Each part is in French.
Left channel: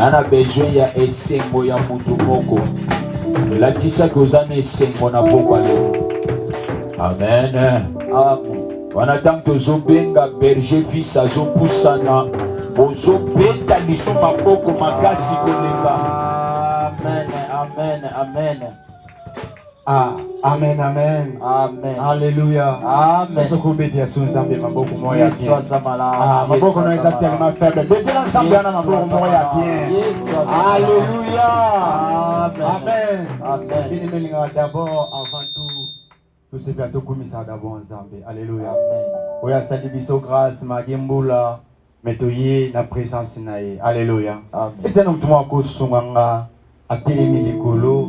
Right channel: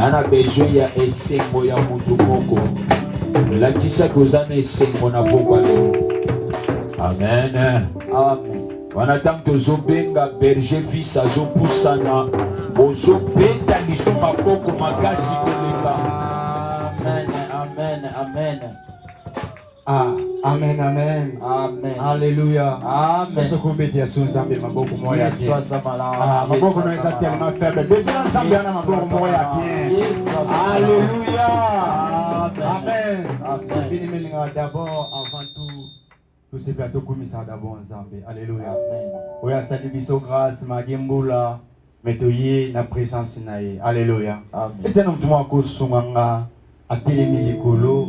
Nana besoin ya esengo ya mutu moko. La kisa kozana esengo na pokwa lelo. Amen. Amen. Wanatang tozobenga berger fils azopusana. Bozobeta biso maboko makasi koleka. Amen. Amen. Amen. Ah, amen, amen. Amen. Alléluia. Amen. Est-ce que vous mettez à son zambe maboko moya bien? Ah, Ah, maboko no est tellement faible. Mettez la zambe na maboko moya bien. Alléluia. Amen. Amen. Bien aimé d'abord avant tout ce que tout ça d'abord ensemble. Alléluia. Amen. Oya stadi biso grâce magembula metoye na présence nae. Alléluia. Amen. Est-ce que nous tomons ko sunganga atelemi likolo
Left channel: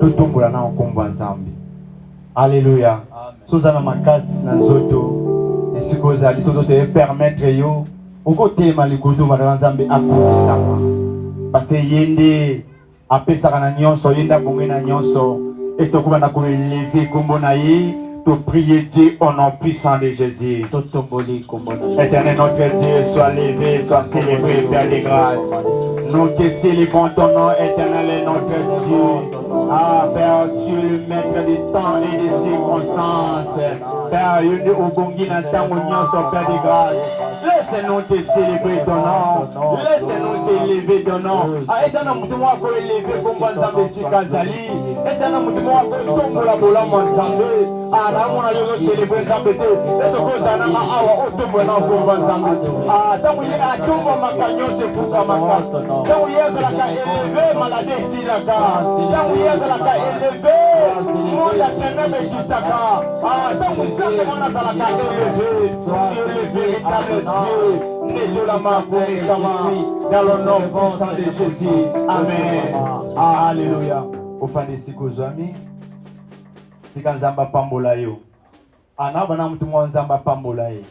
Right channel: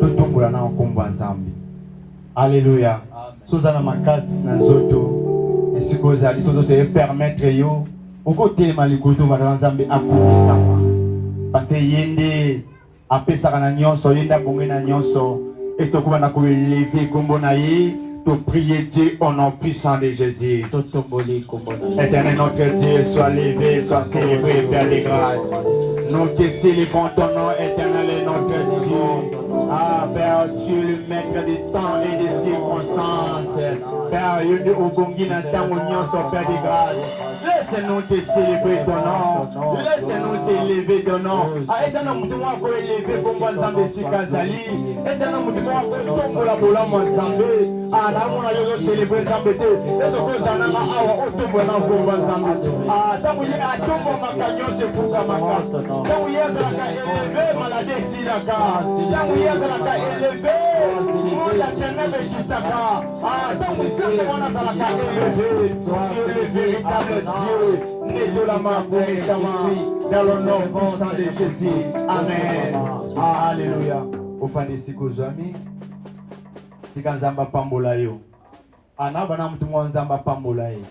tutumbola na okomba nzambe. Alléluia. Sozana makasi na nzoto esika ozali soki otoye permettre yo okotelema likolo wana nzambe akomisama parce que ye nde apesaka na nyonso ye nde abongi na nyonso esi tokóma na koeleve kombo na ye to prier Dieu au nom puissant de Jésus. Éternel notre Dieu, sois levé, sois célébré, Père de grâce. Nous te célébrons ton nom, éternel notre Dieu. Ah, Père, tu es le maître des temps et des circonstances. Père, Père de grâce. Laisse-nous te célébrer ton nom. Laisse-nous t'élever ton nom. Ah, éternel, nous devons élever comme ensemble si Kazali. Éternel, nous devons tomber la bola ensemble. Ah, là, on a célébré ça, mais est-ce que ça n'a pas otombo na komba nzambe. Ah, tangu ye atomba makanyo se fuka makasta. Tangu ye azalaka élevé maladie esilaka. Tangu ye azalaka élevé monde atememe ekitaka. Ah, tangu nzambe wana azalaka élevé sur le véritable Dieu né de la main connaissama dans le nom puissant de Jésus. Amen. Ah, alléluia. Ofani siku zami sika nzamba pambola yo. Anabana mtu mwa nzamba pambola ye.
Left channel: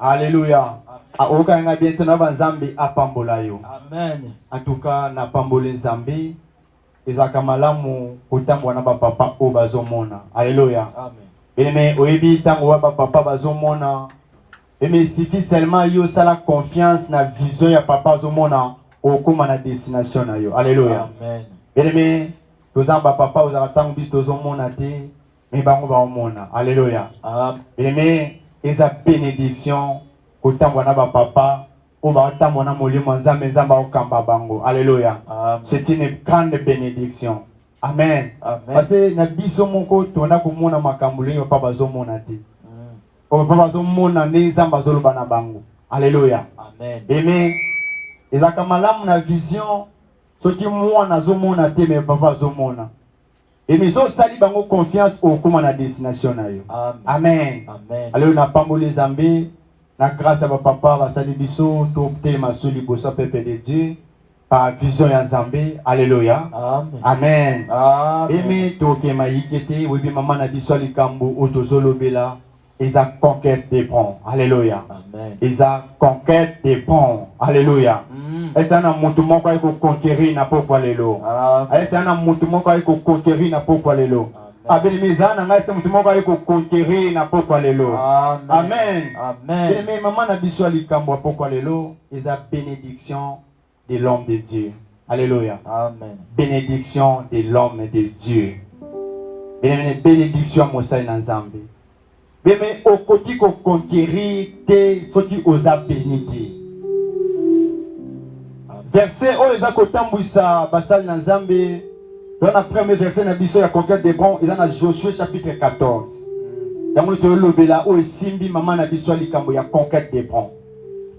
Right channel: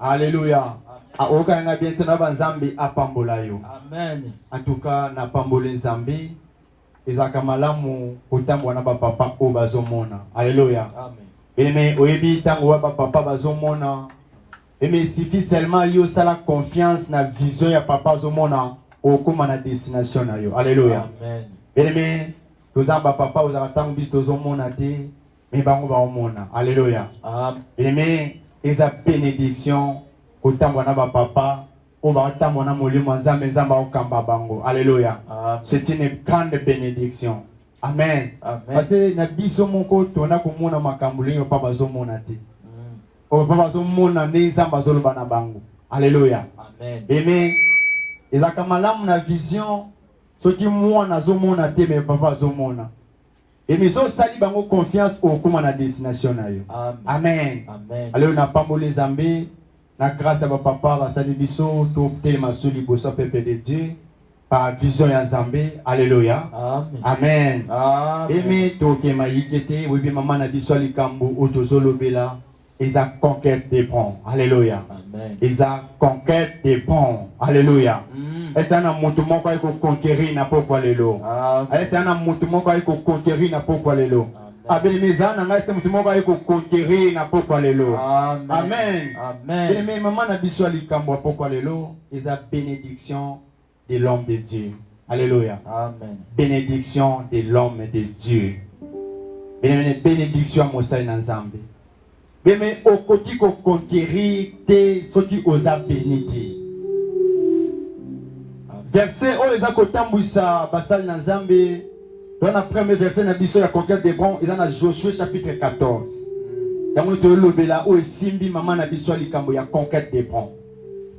Alléluia. Okanga bientôt na banzambi apambola yo. Amen. En tout cas na pambole nzambi ezaka malamu kotambwa na papa o bazomona. Alléluia. Amen. Mais oyebi tango wa papa bazomona. Mais suffit seulement yo sala confiance na vision ya papa bazomona okoma na destination na yo. Alléluia. Amen. Mais tozamba papa ozaka tango bis tozomona te. Mais bango baomona. Alléluia. Amen. Mais eza bénédiction kotambwa na papa o batambwa na molimo nzambe nzamba okamba bango. Alléluia. C'est une grande bénédiction. Amen. Amen. Parce que na biso moko tona komona makambo lelo papa bazomona te. O papa bazomona ne nzamba zoloba na bango. Alléluia. Amen. Mais ezaka malamu na vision soki mwana azomona te mais papa azomona. Et mais so sali bango confiance au comment na destination na yo. Amen. Amen. Alors na pambole zambe na grâce à papa va sali biso to tema soli bosa pepe de Dieu par vision ya Nzambe. Alléluia. Amen. Amen. Amen. Et mais to kema yikete webi mama na biso likambo otozolobela eza conquête des ponts. Alléluia. Amen. Eza conquête des ponts. Alléluia. Est-ce que na mutu moko ayiko conquérir na pokwa lelo? Est-ce que na mutu moko ayiko conquérir na pokwa lelo? Abeli mizana nga est mutu moko ayiko conquérir na pokwa lelo? Amen. Amen. Mais maman na biso likambo pokwa lelo eza bénédiction de l'homme de Dieu. Alléluia. Amen. Bénédiction de l'homme de Dieu. Bénédiction mosai na Nzambe. Mais okoti ko conquérir te soki oza béni te. Verset o eza kotambwisa basali na Nzambe. Dans le premier verset na biso ya conquête des bons, eza na Josué chapitre 14. Yango to lobela o esimbi mama na biso likambo ya conquête des bons.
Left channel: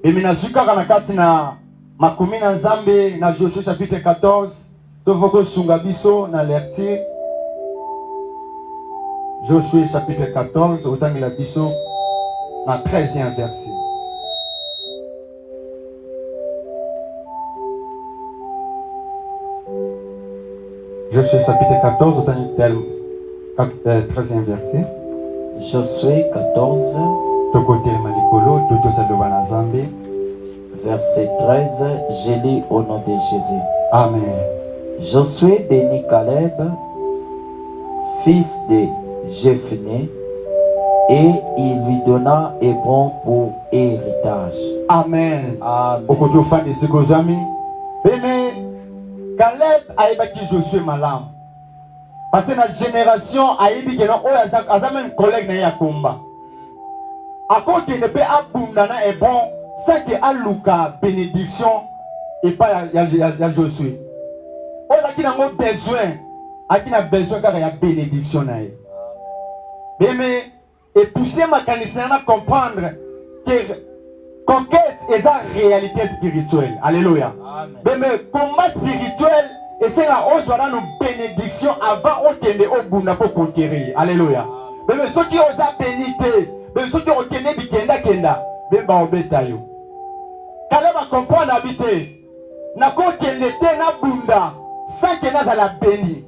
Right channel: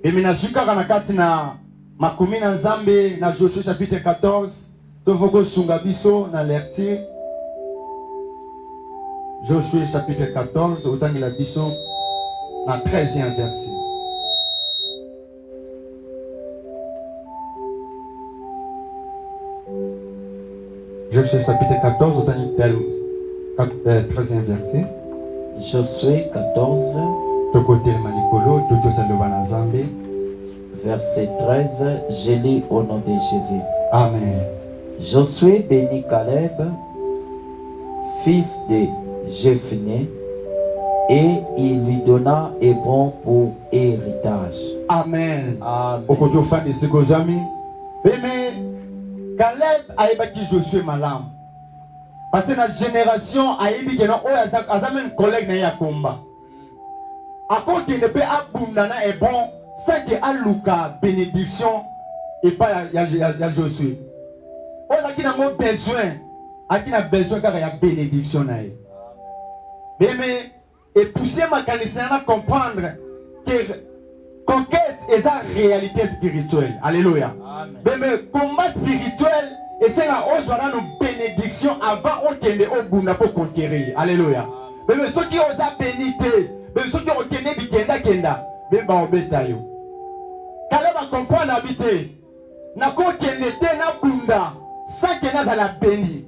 Et mina zukaka na kati na makumi na Nzambe na Josué chapitre 14, to voko sunga biso na lecture Josué chapitre 14, autant que la biso, dans le 13e verset. Josué chapitre 14, autant que le 13e verset. Josué 14, verset 13, je lis au nom de Jésus. Amen. Josué bénit Caleb, fils de Jephné, et il lui donna Hébron pour héritage. Amen. Amen. Okoto fan de Sekozami, Mais Caleb a ébattu Josué malam. Parce que la génération a ébattu même collègue na combat. À côté de paix abundana est bon, ça qui a Luka bénédiction et pas ya Josué. On a qui n'a pas besoin, à qui n'a besoin car il y a bénédiction na. Mais et pousser ma canissée à comprendre que conquête est sa réalité spirituelle. Alléluia. Mais combat spirituel et c'est la hausse voilà nos bénédictions avant au kende au bunda pour conquérir. Alléluia. Mais ceux qui osent bénité, mais ceux qui ont kende bikenda kenda, ben ba obeta yo. Caleb va comprendre habiter. Na ko kende te na bunda, ça kena za la béni.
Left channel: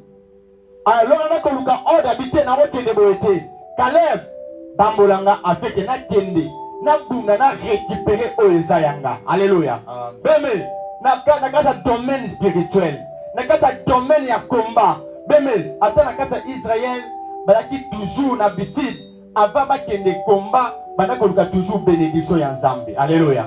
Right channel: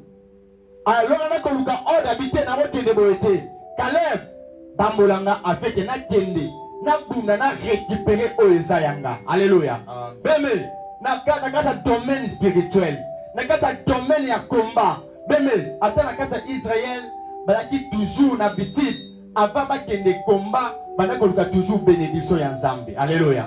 Alors là qu'on luka ordre habiter na ko kende boete. Caleb bambolanga avec na kende. Na bunda na récupérer Oesayanga. Alléluia. Beme na kata domaine spirituel. Na kata domaine ya combat. Beme ata na kata Israël balaki toujours na habitude avant ba kende combat bana ko luka toujours bénédiction ya Nzambe. Alléluia.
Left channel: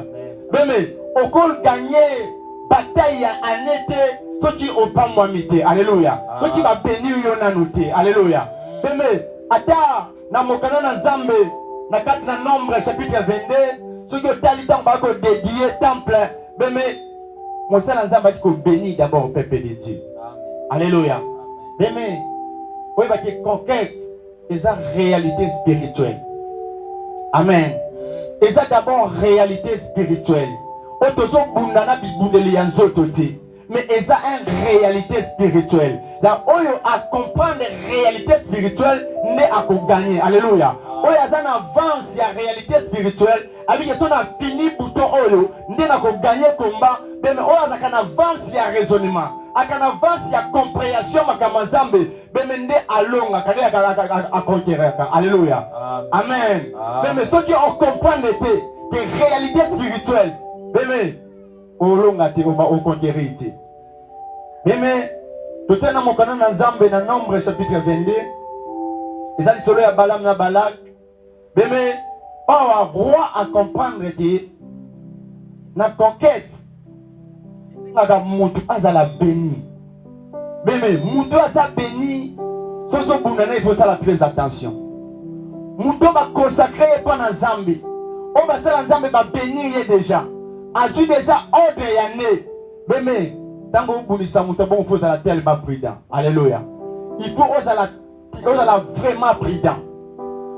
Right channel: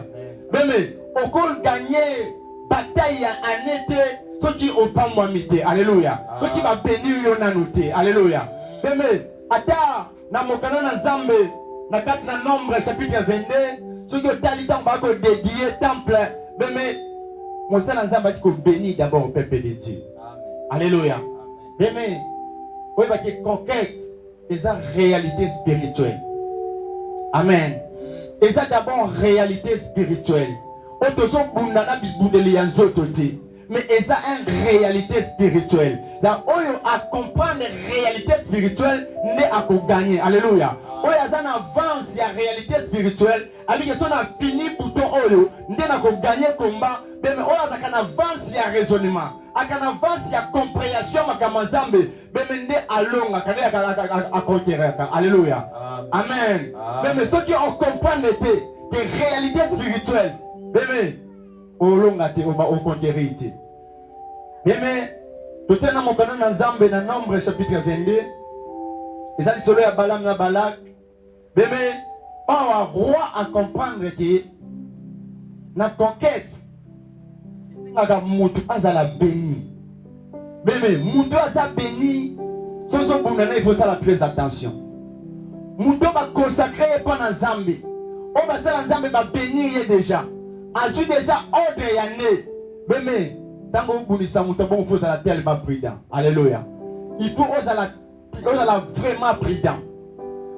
Beme okol gagner bataille ya anete soki opamwamite. Alléluia. Soki ba bénir yo na noté. Alléluia. Beme ata na mokana na Nzambe na kati na Nombre chapitre 22 soki otali tango bako dédier temple beme mosala Nzambe ati ko béni d'abord au peuple de Dieu. Alléluia. Beme oui parce que conquête est sa réalité spirituelle. Amen. Et ça d'abord réalité spirituelle. Otoso bundana bibundeli ya nzoto te. Mais et ça une réalité spirituelle. Là oyo à comprendre réalité spirituelle n'est à gagner. Alléluia. Oyo azana avance ya réalité spirituelle avec que ton a fini bouton oyo n'est à gagner combat mais oyo azaka na avance ya raisonnement aka na avance ya compréhension makama Nzambe mais n'est alonga kane à conquérir. Alléluia. Amen. Mais ceux qui ont comprendre que réalité spirituelle mais olonga te au conquérir te. Mais tout est dans mon canon dans Nzambe dans Nombre chapitre 22. Les alliés solo ya Balaam na Balak. Mais on va roi à comprendre que la conquête c'est mutu azala béni. Mais mutu azala béni. Soso bunana il faut ça très attention. Mutu va consacrer pas dans Nzambe. On va ça Nzambe va bénir déjà. Azu déjà ordre ya né. Mais tant que vous bonissez mutu bon faut ça la tellement prudent. Alléluia. Il faut osala vraiment prudent.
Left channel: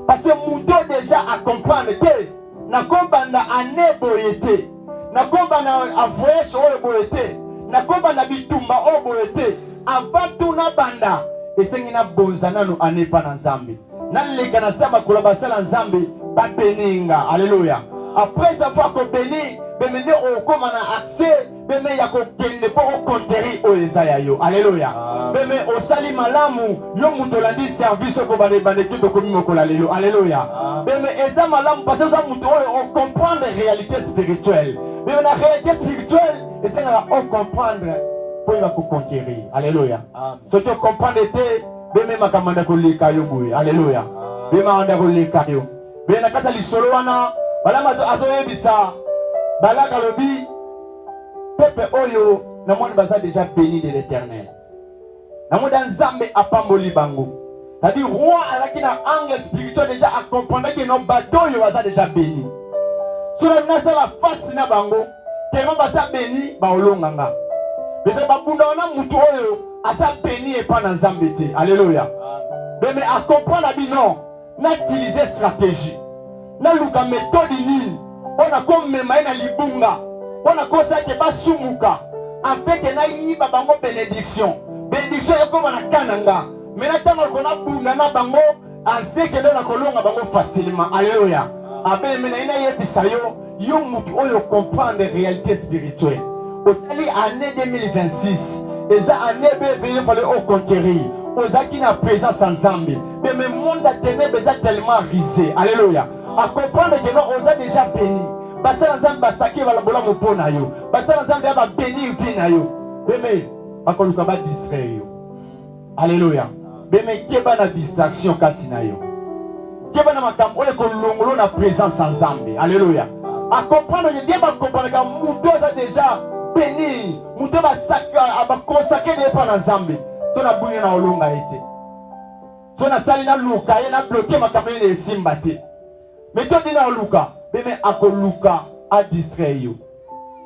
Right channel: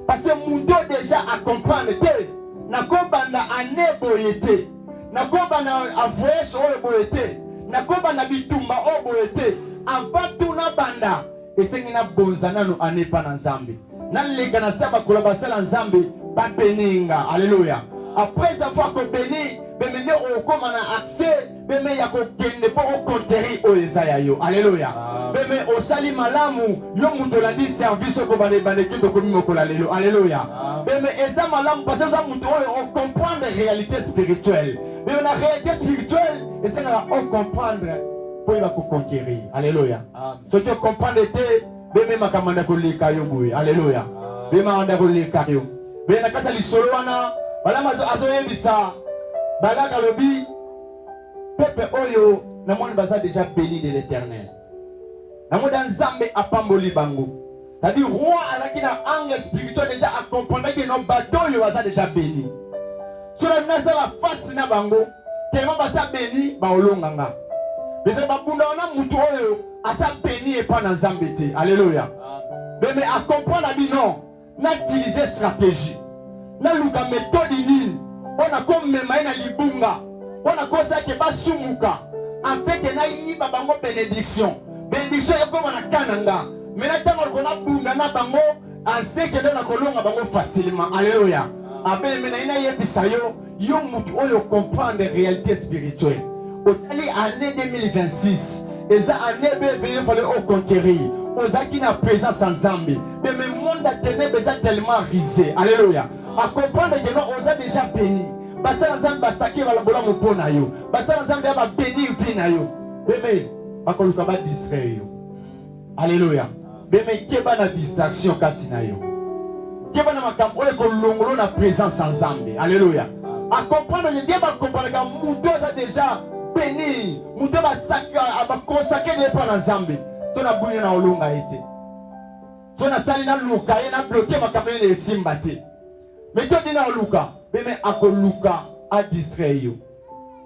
Parce que mutu déjà à comprendre que na kobanda ane boyete. Na kobanda a voyage o boyete. Na kobanda bitumba o boyete. Avant tout na banda et c'est na bonzana no ane pa na Nzambe. Na leka na sema kolabasa na Nzambe ba beninga. Alléluia. Après avoir que béni, bemene o koma na accès, beme ya ko kende pour conquérir o Esaïa yo. Alléluia. Beme o sali malamu yo muto landi service ko bane kito ko mimo ko la lelo. Alléluia. Beme eza malamu parce que ça muto on comprendre la réalité spirituelle. Beme la réalité spirituelle et c'est là on comprendre pour il va ko conquérir. Alléluia. Ce que comprendre était beme makamanda ko lika yo boy. Alléluia. Beme anda ko lika yo. Beme na kata lisolo wana Balama azoyebisa Balaka lobi peuple oyo na moni baza déjà béni de l'Éternel. Na moni Nzambe apamboli bango. C'est-à-dire roi alaki na angle spirituel déjà à comprendre que nos bateaux yo baza déjà béni. Sur la menace la face na bango, tellement baza béni ba olonganga. Mais babunda na mutu oyo asa béni et pas na Nzambe te. Alléluia. Mais à comprendre abi non, na utiliser stratégie. Na luka méthode nini ona ko mema na libunga ona ko sa ke basumuka en fait que na yiba bango bénédiction ekoma na kananga mais na tango ko na bunga na bango en fait que na kolonga bango facilement. Alléluia. Amen. Mais na yebisa yo mutu oyo comprendre réalité spirituelle otali année 2026 eza année bébé fallait au conquérir ozaki na présence en Nzambe mais le monde a ténèbres est tellement risé. Alléluia. À comprendre que nous on a déjà béni. Basala Nzambe basaki balabola mopona yo. Basala Nzambe ba béni vina yo. Beme bakoluka ba distraire yo. Alléluia. Beme keba na distraction katina yo. Keba na makambo ole ko longolo na présence en Nzambe. Alléluia. À comprendre que Dieu va comprendre que muto a déjà béni muto ba consacrer des pas na Nzambe to na bunye na olunga ete to na sali na luka ye na bloquer makamene de simbate mais to dina luka beme akoluka a distraire yo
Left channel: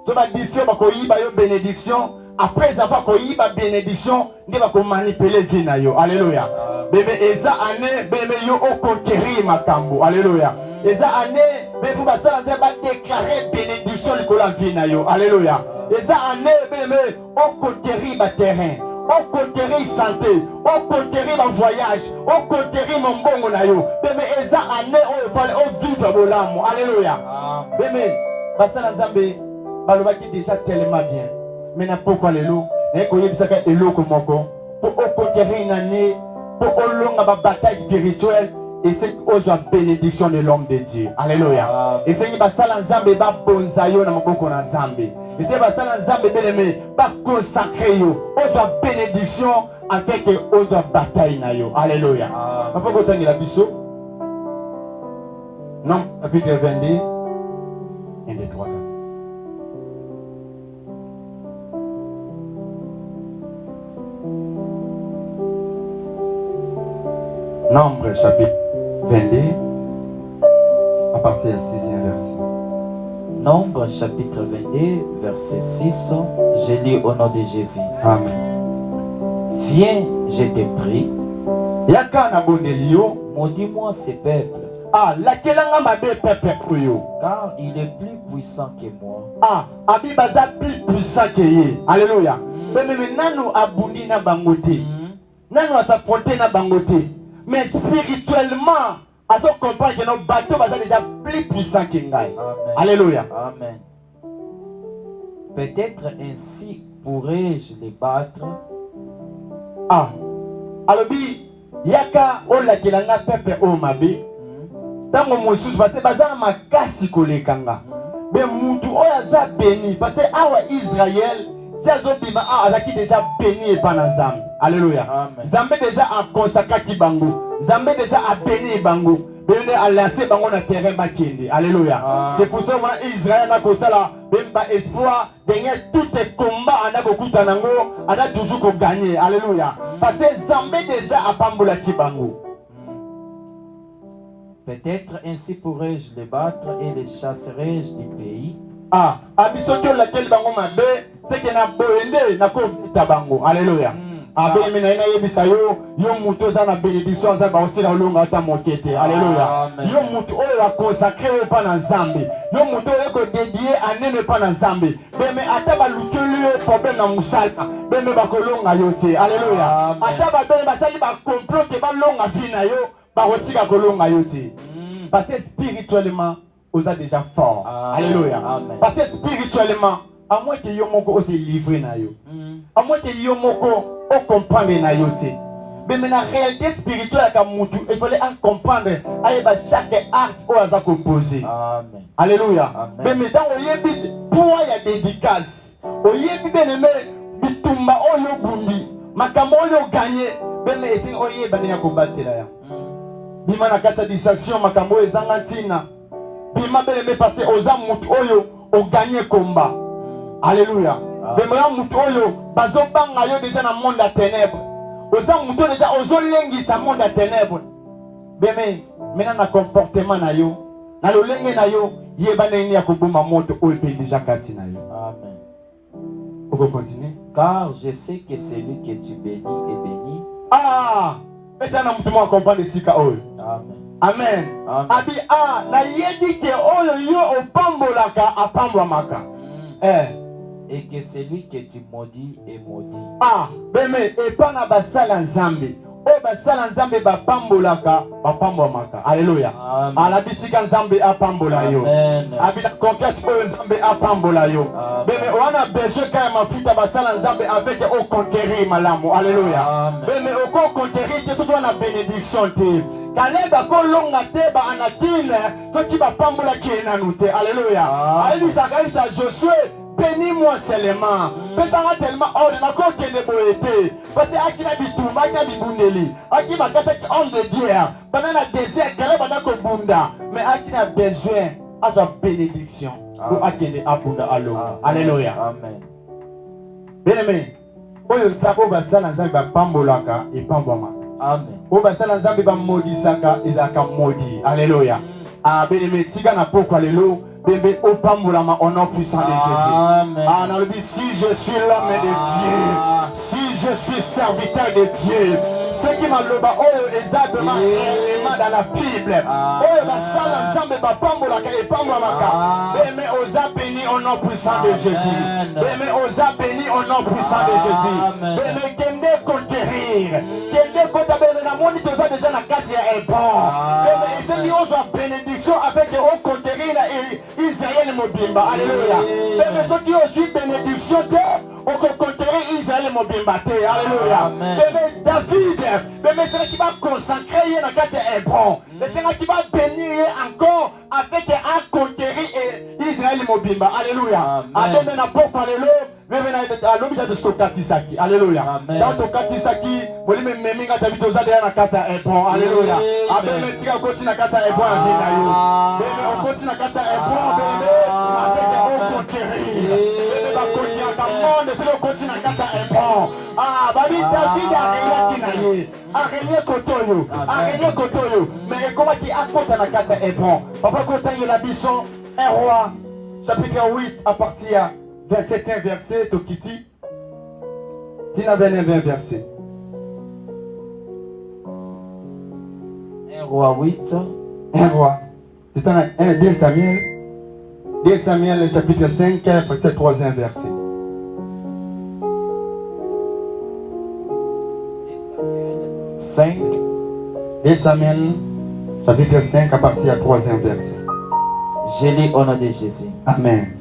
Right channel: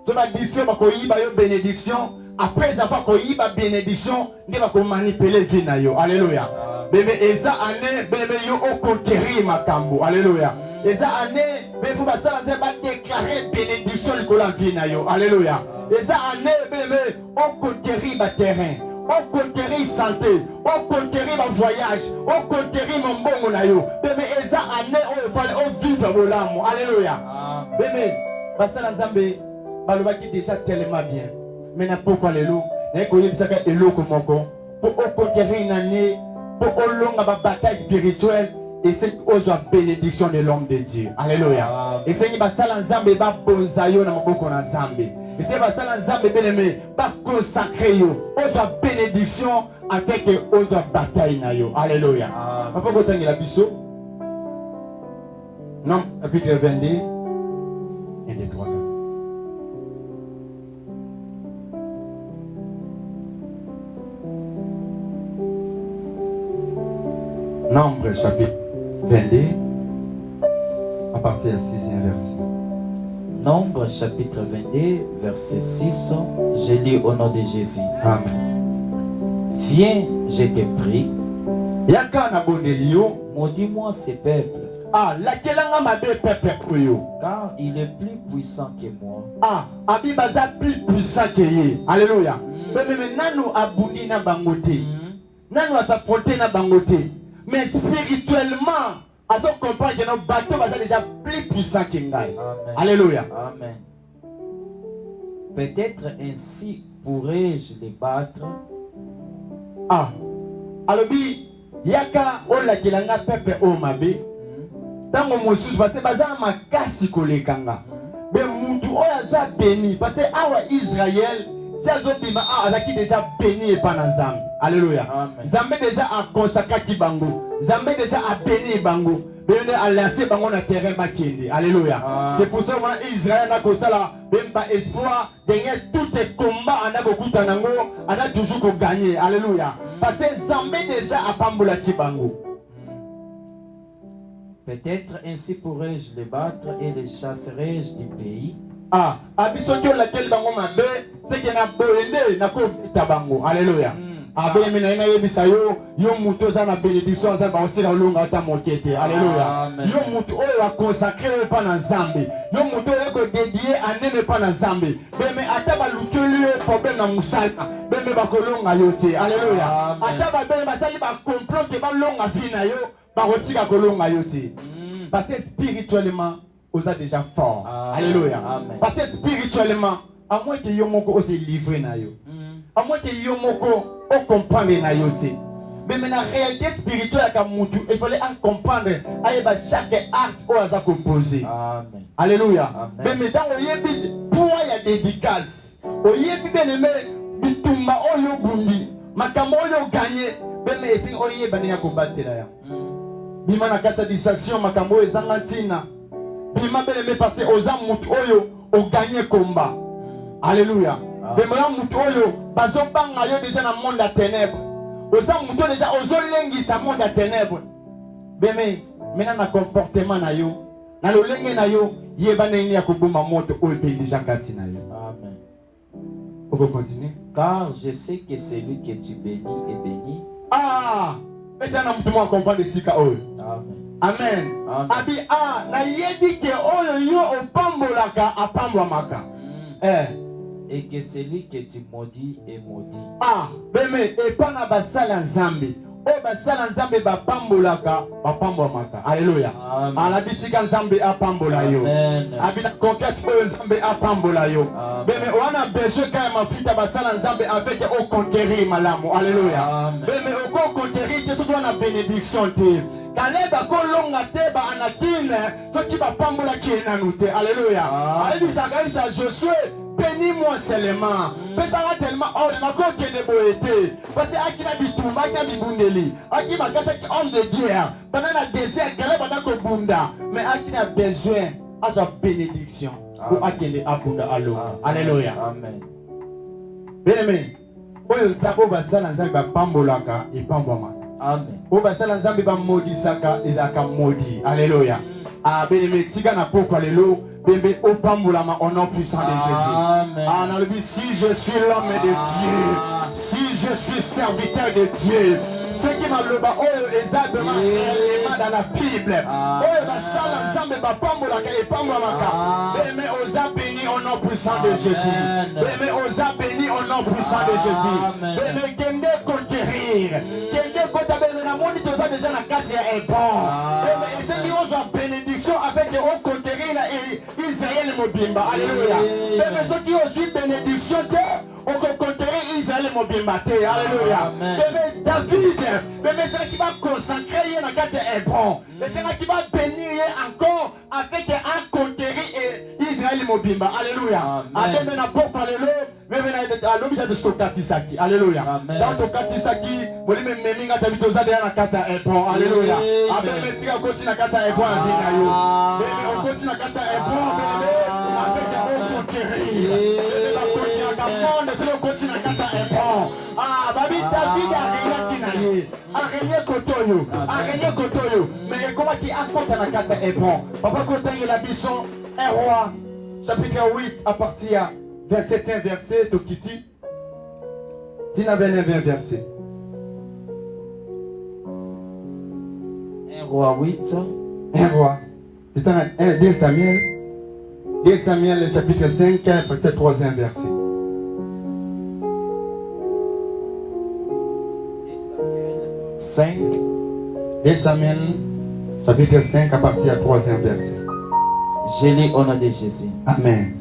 to ba distraire ba ko yiba yo bénédiction après avoir ko yiba bénédiction ndi ba ko manipuler vie na yo alléluia beme eza année beme yo o conquérir makambo alléluia eza année beme faut basala nzeba déclarer bénédiction likola vie na yo alléluia eza année beme o conquérir ba terrain on conquérir santé, on conquérir le voyage, on conquérir mon bon monayo. Beme eza année on vivre bolamo. Alléluia. Beme basala nzambe balobaki déjà tellement bien. Maintenant pourquoi lelo na ko yebisaka eloko moko pour conquérir une année pour olonga ba bataille spirituelle et c'est aux bénédiction de l'homme de Dieu. Alléluia. Et c'est basala nzambe ba bonzayo na maboko na nzambe. Et c'est basala nzambe bien-aimé ba consacrer yo aux bénédiction avec aux bataille na yo. Alléluia. Papa ko tangela biso. Non, chapitre 22 et les 3. Nombre chapitre 22 à partir du 6e verset. Nombre chapitre 22 verset 6. Je lis au nom de Jésus. Amen. Viens, je te prie. Yaka na bonelio. Maudis-moi ce peuple. Ah, lakelanga mabe peuple oyo. Car il est plus puissant que moi. Ah, abi baza plus puissant que ye. Alléluia. Mais nanu abundi na bangote. Nanu asafronter na bangote. Mais spirituellement, à ce comprendre que nos bateaux sont déjà plus puissants que nous. Alléluia. Amen. Peut-être ainsi pourrais-je les battre. Ah. Alors, yaka ola kelanga peuple o mabe. Tango mosusu parce que bazana makasi kolekanga. Mais mutu oya za béni parce que awa Israël Zazobima azaki déjà béni et pas Nzambe. Alléluia. Nzambe déjà a consacré bango. Nzambe déjà a béni bango. Béni a lancé bango na terrain bakende. Alléluia. C'est pour ça que Israël n'a pas la bemba espoir derrière tout les combats ana kokuta nango ana toujours ko gagner. Alléluia. Parce que Nzambe déjà a pambola ki bango. Peut-être ainsi pourrais-je les battre et les chasserai-je du pays. Ah, abisokyo laquelle bango mabe, c'est que na boende na ko tabango. Alléluia. Abe mina ina yebisa yo muto za na bénédiction za ba osila olunga ta mokete. Alléluia. Yo muto oyo a consacré pa na Nzambe. Yo muto oyo ko dédié anene pa na Nzambe. Beme ata ba lukeli problème na musala. Beme ba kolonga yo te. Alléluia. Ata ba bene ba sali ba complot ke ba longa vina yo ba kotika kolonga yo te. Parce que spirituellement vous êtes déjà fort. Alléluia. Amen. Parce que spirituellement, à moins que Yomoko aussi livré na yo. À moins que Yomoko o comprendre na yo te. Mais maintenant réalité spirituelle comme mutu, il fallait en comprendre ayeba chaque acte au hasard composé. Amen. Alléluia. Amen. Mais maintenant on yebi pour ya dédicace. O yebi beneme bitumba oyo bundi. Makambo oyo gagné. Mais esi o yeba na combattre ya. Bima na kata distraction makambo ezanga ntina. Bima beleme passer aux amout oyo o gagner combat. Alléluia. Bema mutu oyo bazobanga yo déjà na monde à ténèbres. Aux amout déjà ozolengi sa monde à ténèbres. Beme maintenant na comportement na yo. Na lo lenge na yo yeba neni ya kobuma moto oyo pe déjà kati na yo. Amen. On peut continuer. Car je sais que celui que tu bénis est béni. Ah, mais ça na mutu mo comprendre sika oyo. Amen. Amen. Abi na yebi ke oyo yo opambolaka apambolaka. Et que celui que tu maudis est maudit. Ah, beme et pas na basala nzambe. O basala nzambe ba pambolaka apambolaka. Alléluia. Ala bitika nzambe apambola yo. Abi na conquête oyo nzambe apambola yo. Beme wana besoin ka mafuta basala nzambe avec au conquérir malamu. Alléluia. Beme au conquérir te so na bénédiction te. Kaleba kolonga te ba anakine so ki ba pambola ki na nute. Alléluia. Alisa Josué bénis-moi seulement. Parce que tellement ordre na ko kende boete. Parce que akina bituma akina bibundeli. Akina kata ki homme de Dieu. Pendant la désert kaleba na ko bunda. Mais akina besoin à sa bénédiction. Pour akende abunda alo. Alléluia. Amen. Bien-aimé, oyo zako basala nzambe bapambolaka epambwama. Amen. Oyo basala nzambe bamodisaka ezalaka modi. Alléluia. Ah, bien-aimé, tika na poko lelo, bembe opambolama au nom puissant de Jésus. Amen. Ah, on a dit, si je suis l'homme de Dieu, si je suis serviteur de Dieu, ce qui m'a le bas, oh, exactement, dans la Bible, oh, basala nzambe bapambolaka epambwamaka. Bien-aimé, osa béni au nom puissant de Jésus. Bien-aimé, osa béni au nom puissant de Jésus. Bien-aimé, kende conquérir, kende kota bembe na moni toza déjà na kati ya ebon. Bien-aimé, ezeli ozwa bénédiction avec on conquérir na Israël mobimba. Alléluia. Bien-aimé, soki ozwi bénédiction te, on peut conquérir Israël mobimba te. Alléluia. Bien-aimé, David, bien-aimé, c'est qui va consacrer na kati ya ebon. C'est qui va bénir encore avec à conquérir Israël mobimba. Alléluia. Amen. Na poko alléluia. Même na lobby de stokatisaki. Alléluia. Dans tokatisaki, bolime meminga David ozade na kata ebon. Alléluia. Amen. Tika koti na kata ebon avinga yo. Bébé on koti na kata ebon bébé. Avec on conquérir. Bébé ba conquérir ka monde c'est le koti na kata ebon. Ah, babi David a rien qui na ye. A rien kotoyo. A rien kotoyo. Mais comment qui affronte na kata ebon. Papa kotangi la bison. Un roi. Chapitre 8 à partir 27e verset, Tokiti. Tina 20 verset. 1 roi 8. Un roi. C'est un 2 Samuel. 2 Samuel, chapitre 5, partir 3e verset. 5. 2 Samuel, chapitre 5, à partir 3e verset. Je lis au nom de Jésus. Amen.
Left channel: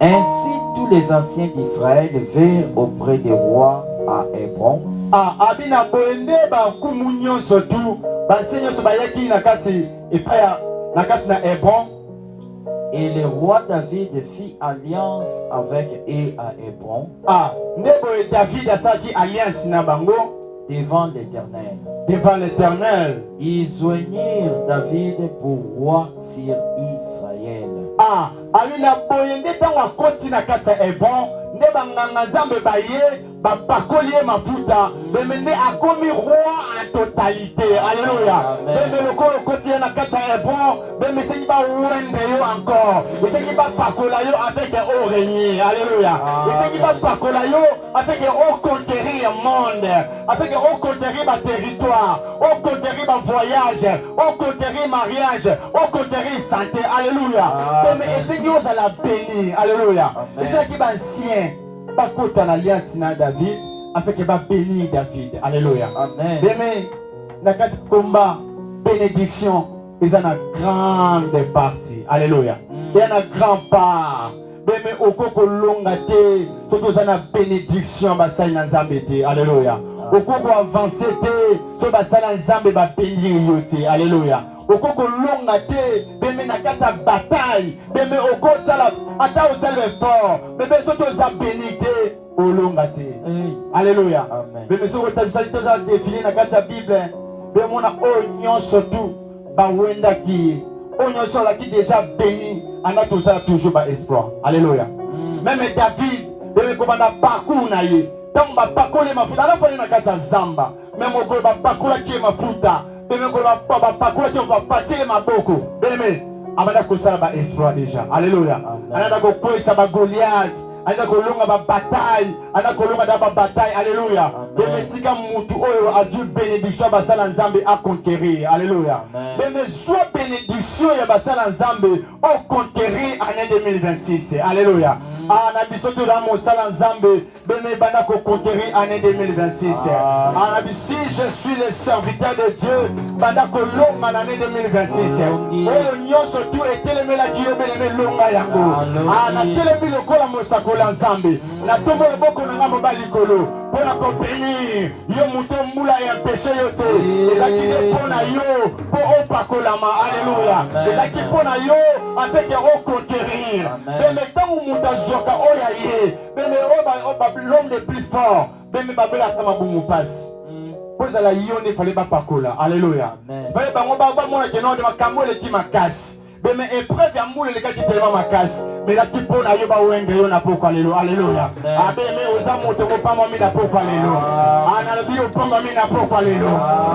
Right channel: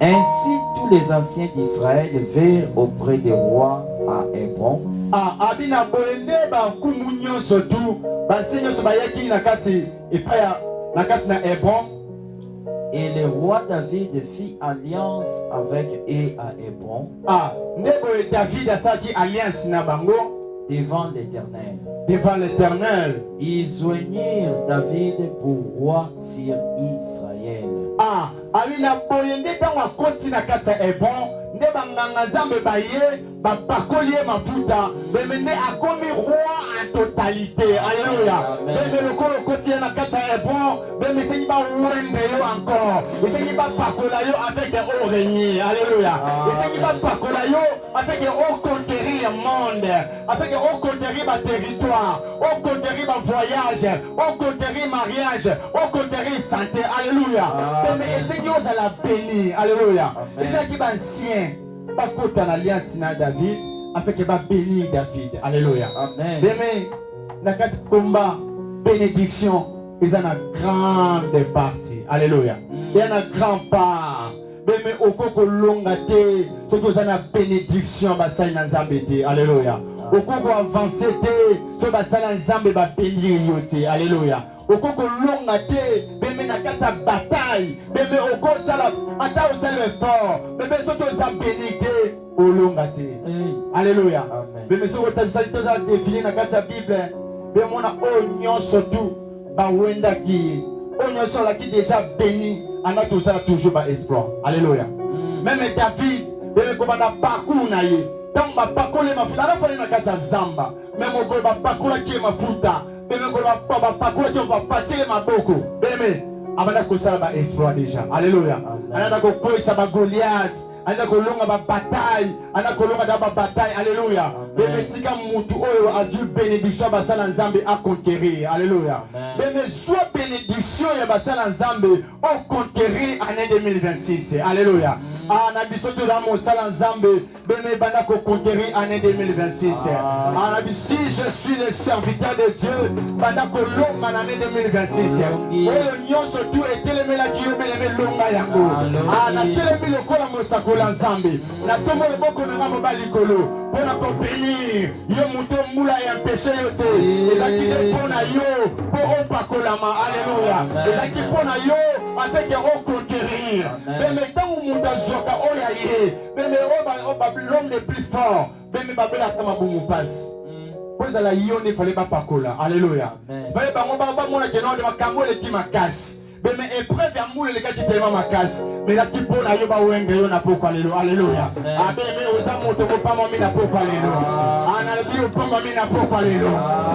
Ainsi, tous les anciens d'Israël vinrent auprès des rois à Hébron. Ah, abina boende ba kumunyo sotu, ba senyo so bayaki nakati ipaya nakati na Hébron. Et le roi David fit alliance avec eux à Hébron. Ah, ndebo David asaki alliance na bango devant l'Éternel. Devant l'Éternel. Ils joignirent David pour roi sur Israël. Ah, abina boende tanga koti na kati ya Hébron. Ne banganga zambe baye bakoli mafuta bemene akomi roi en totalité. Alléluia. Bemene lokolo koti na kata Hébron bemene sengi ba wende yo encore sengi ba pakola yo avec au régner. Alléluia. Sengi ba pakola yo avec au conquérir monde, avec au conquérir ba territoire, au conquérir ba voyage, au conquérir mariage, au conquérir santé. Alléluia. Bemene sengi oza la béni. Alléluia. Sengi ba ancien bakota na alliance na David afin que va bénir David. Alléluia. Amen. Demain, na kati combat bénédiction ils en a grande partie. Alléluia. Il y en a grand part. Demain okoko longa te surtout ça na bénédiction basali na Nzambe te. Alléluia. Okoko avancer te so basali na Nzambe ba bénir yo te. Alléluia. Okoko longa te beme na kata bataille beme okosala ata osala fort beme soto za bénité olonga te. Alléluia. Beme soto tabisali toza défiler na kata Bible beme mona onyo surtout ba wenda ki onyo sola qui déjà béni ana tosala toujours ba espoir. Alléluia. Même David beme ko bana parcours na ye tamba pakole mafuta na fona na kata zamba même okolo ba pakola ki mafuta beme ko ba pakola ki ba patile maboko beme abana ko sala ba espoir déjà. Alléluia. Ana ko koisa ba Goliath ana ko longa ba bataille ana ko longa da ba bataille. Alléluia. Beme tika mutu oyo azul bénédiction ba sala Nzambe a conquérir. Alléluia. Beme soit bénédiction ya ba sala Nzambe au conquérir année 2026. Alléluia. Ana bisoto da mo sala Nzambe beme bana ko conquérir année 2026. Ana bi si je suis le serviteur de Dieu bana ko longa année 2026. Oyo nyonso tu etelemela ki yo bele longa yango. Ana telemi lokola mosakola Nzambe na tomo leboko na ngamo balikolo pona ko bénir yo muto mula ya péché yo te ezaki de pona yo po opakolama. Alléluia. Ezaki pona yo avec o conquérir beme tangu muta zoka oya ye beme oba l'homme le plus fort beme babela kama bumu passe poza la yone fallait pas pakola. Alléluia. Fallait ba ngoba ba mona keno de makamole ki makasi beme épreuve ya mule leka tellement makasi mais la tipo na yo ba wende yo na pokwa lelo alléluia abeme oza moto ko pamba mi na pokwa lelo ana bi o pamba mi na pokwa lelo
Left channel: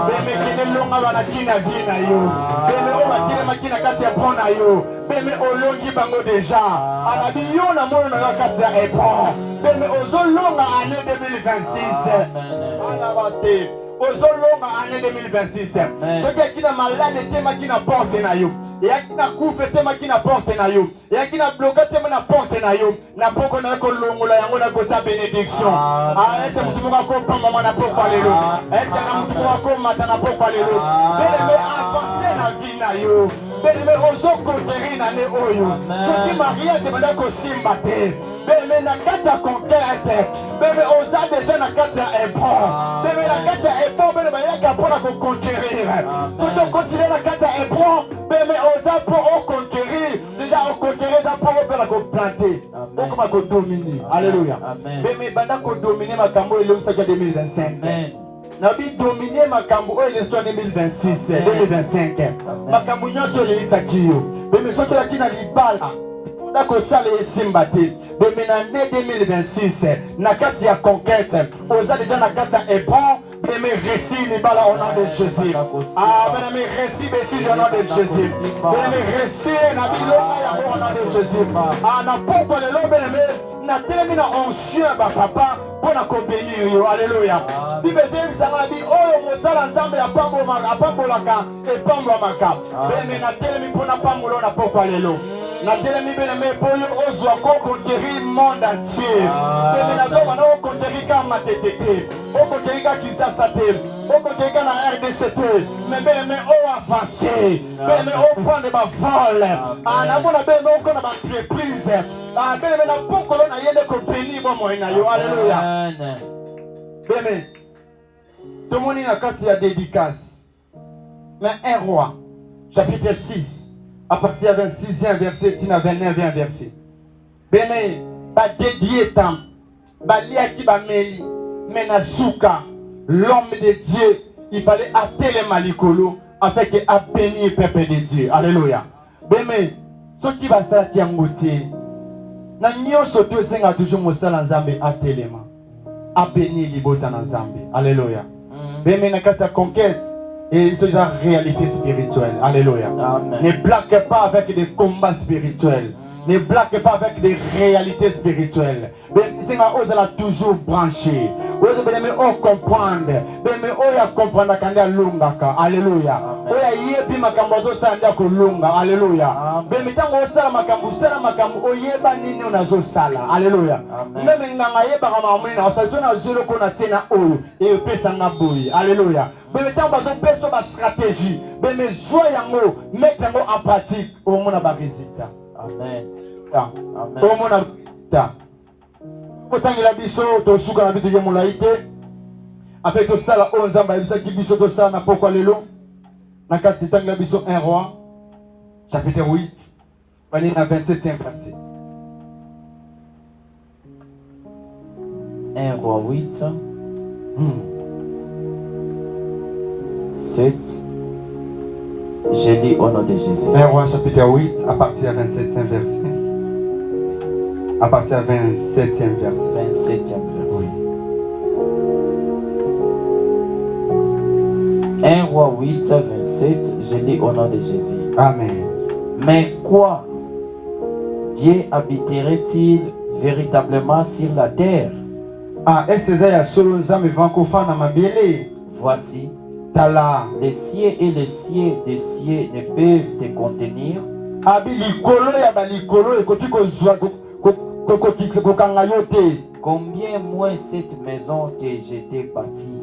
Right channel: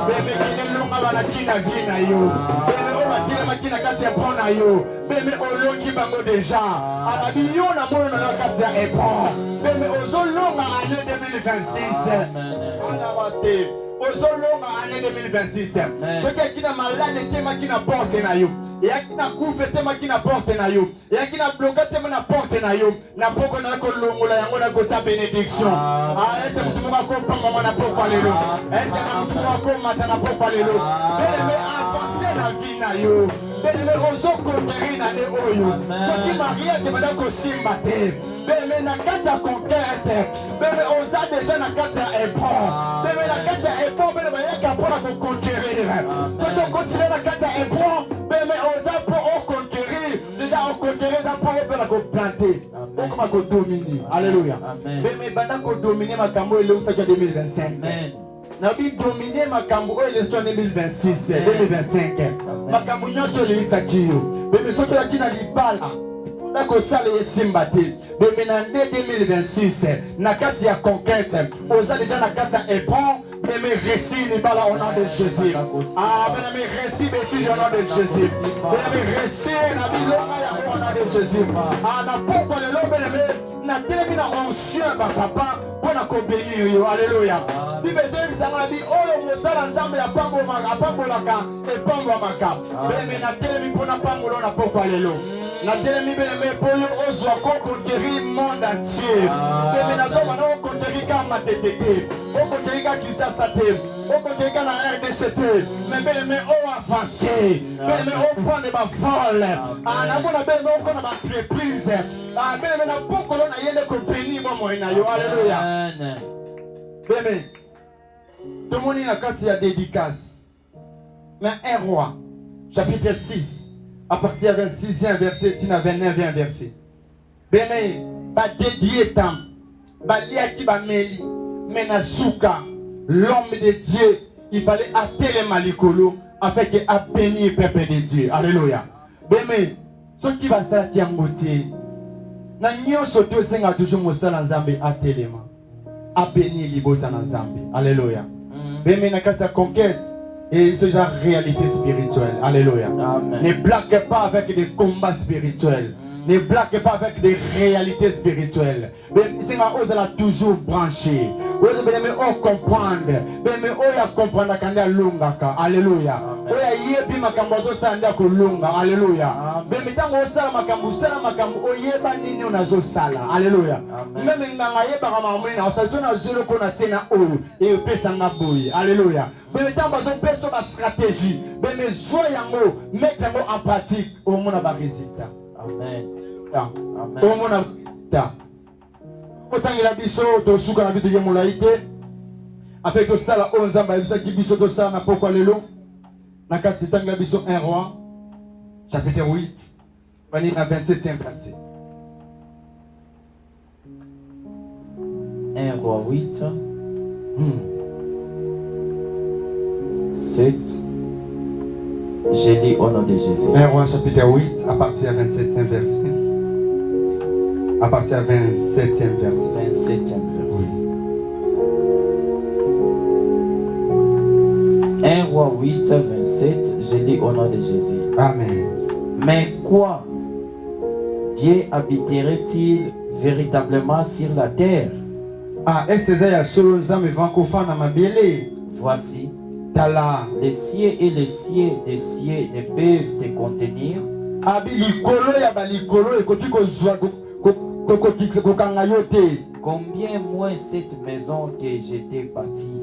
beme kine longa bana kina vina yo beme o batile makina kati ya pona yo beme olongi bango déjà ana bi yo na moyo na kati ya epon beme ozolonga année 2026 ana bate ozolonga année 2026 toke kina malade tema kina porte na yo ya kina kufe tema kina porte na yo ya kina bloqué tema na porte na yo na poko na ko longola yango na kota bénédiction arrête mutu ko ko pamba na poko lelo est na mutu ko mata na poko lelo bele avancer na vie na yo bele ozo conquérir na ne oyo soki maria te bada ko simba te bele na kata conquête bele oza déjà na kata epon bele na kata epon bele ba yaka pour ko conquérir faut continuer na kata epon bele oza pour conquérir déjà on conquérir ça pour ko planter on comment ko dominer alléluia bele banda ko dominer makambo ele usaka 2025 na bi dominer makambo oyo l'histoire 2026 2025 makambo nyonso lelisa kiyo bele soki la kina libala ndako sala esimba te beme na année 2026 na kati ya conquête oza déjà na kati ya epon beme récit libala au nom de Jésus beme récit bêtise au nom de Jésus beme récit na bilonga ya au nom de Jésus na poko lelo beme na telemi na onction ba papa pona ko bénir yo alléluia bibe zebisanga bi oyo mosala nzambe ya pambolaka epambwamaka beme na telemi pona pambolo na poko lelo na telemi bene poyo ozwa ko conquérir monde entier bene nazo wana o conquérir kama tetete o conquérir ka Kinshasa te o conquérir ka na RDC te mais bene o avancer bene o prendre ba vol na bona bene o kona ba entreprise bene na pokolo na yende ko bénir bo mo na yo alléluia bene tomoni na kati ya dédicace na 1 roi chapitre 6 à partir du 26e verset, tina 29e verset. Bene, ba dédié tam, ba liaki ba meli, menasuka, l'homme de Dieu, il fallait atteler malikolo afin qu'il a béni le peuple de Dieu. Alléluia. Bene, ce qui va s'arrêter qui angoté, na nyonso to senga toujours mosala nzambe atelema, a béni libota na nzambe. Alléluia. Bene na kata conquête. Et c'est la réalité spirituelle. Alléluia. Amen. Ne blague pas avec des combats spirituels. Ne blague pas avec des réalités spirituelles. Mais c'est ma ose la toujours branché. Ose bien on comprendre. Mais on ya comprendre quand ya lungaka. Alléluia. On ya yebi makambo sanda ko lunga. Alléluia. Mais tango sala makambo o yeba nini unazo sala. Alléluia. Même nganga yeba kama mwina ostation na zero ko na tena oyo e pesa na boy. Alléluia. Mais tango bazo peso ba stratégie. Mais zo yango mettre yango en pratique au mona ba résultat. Amen. Amen. Au mona ta. Kotangela biso to suka na bitu ya molaite. Avec to sala o nzamba bisa ki biso to sala na pokwa lelo. Na kati tangela biso 1 roi chapitre 8 bali na 27e verset. 1 roi 8 7. Je lis au nom de Jésus. 1 roi chapitre 8 à partir du 27e verset. À partir du 27e verset. 27e verset. 1 roi 8, 27. Je lis au nom de Jésus. Amen. Mais quoi? Dieu habiterait-il véritablement sur la terre? Est-ce que ya solo nzambe vankofana mabele? Voici. Les cieux et les cieux des cieux ne peuvent te contenir. Combien moins cette maison que j'étais parti.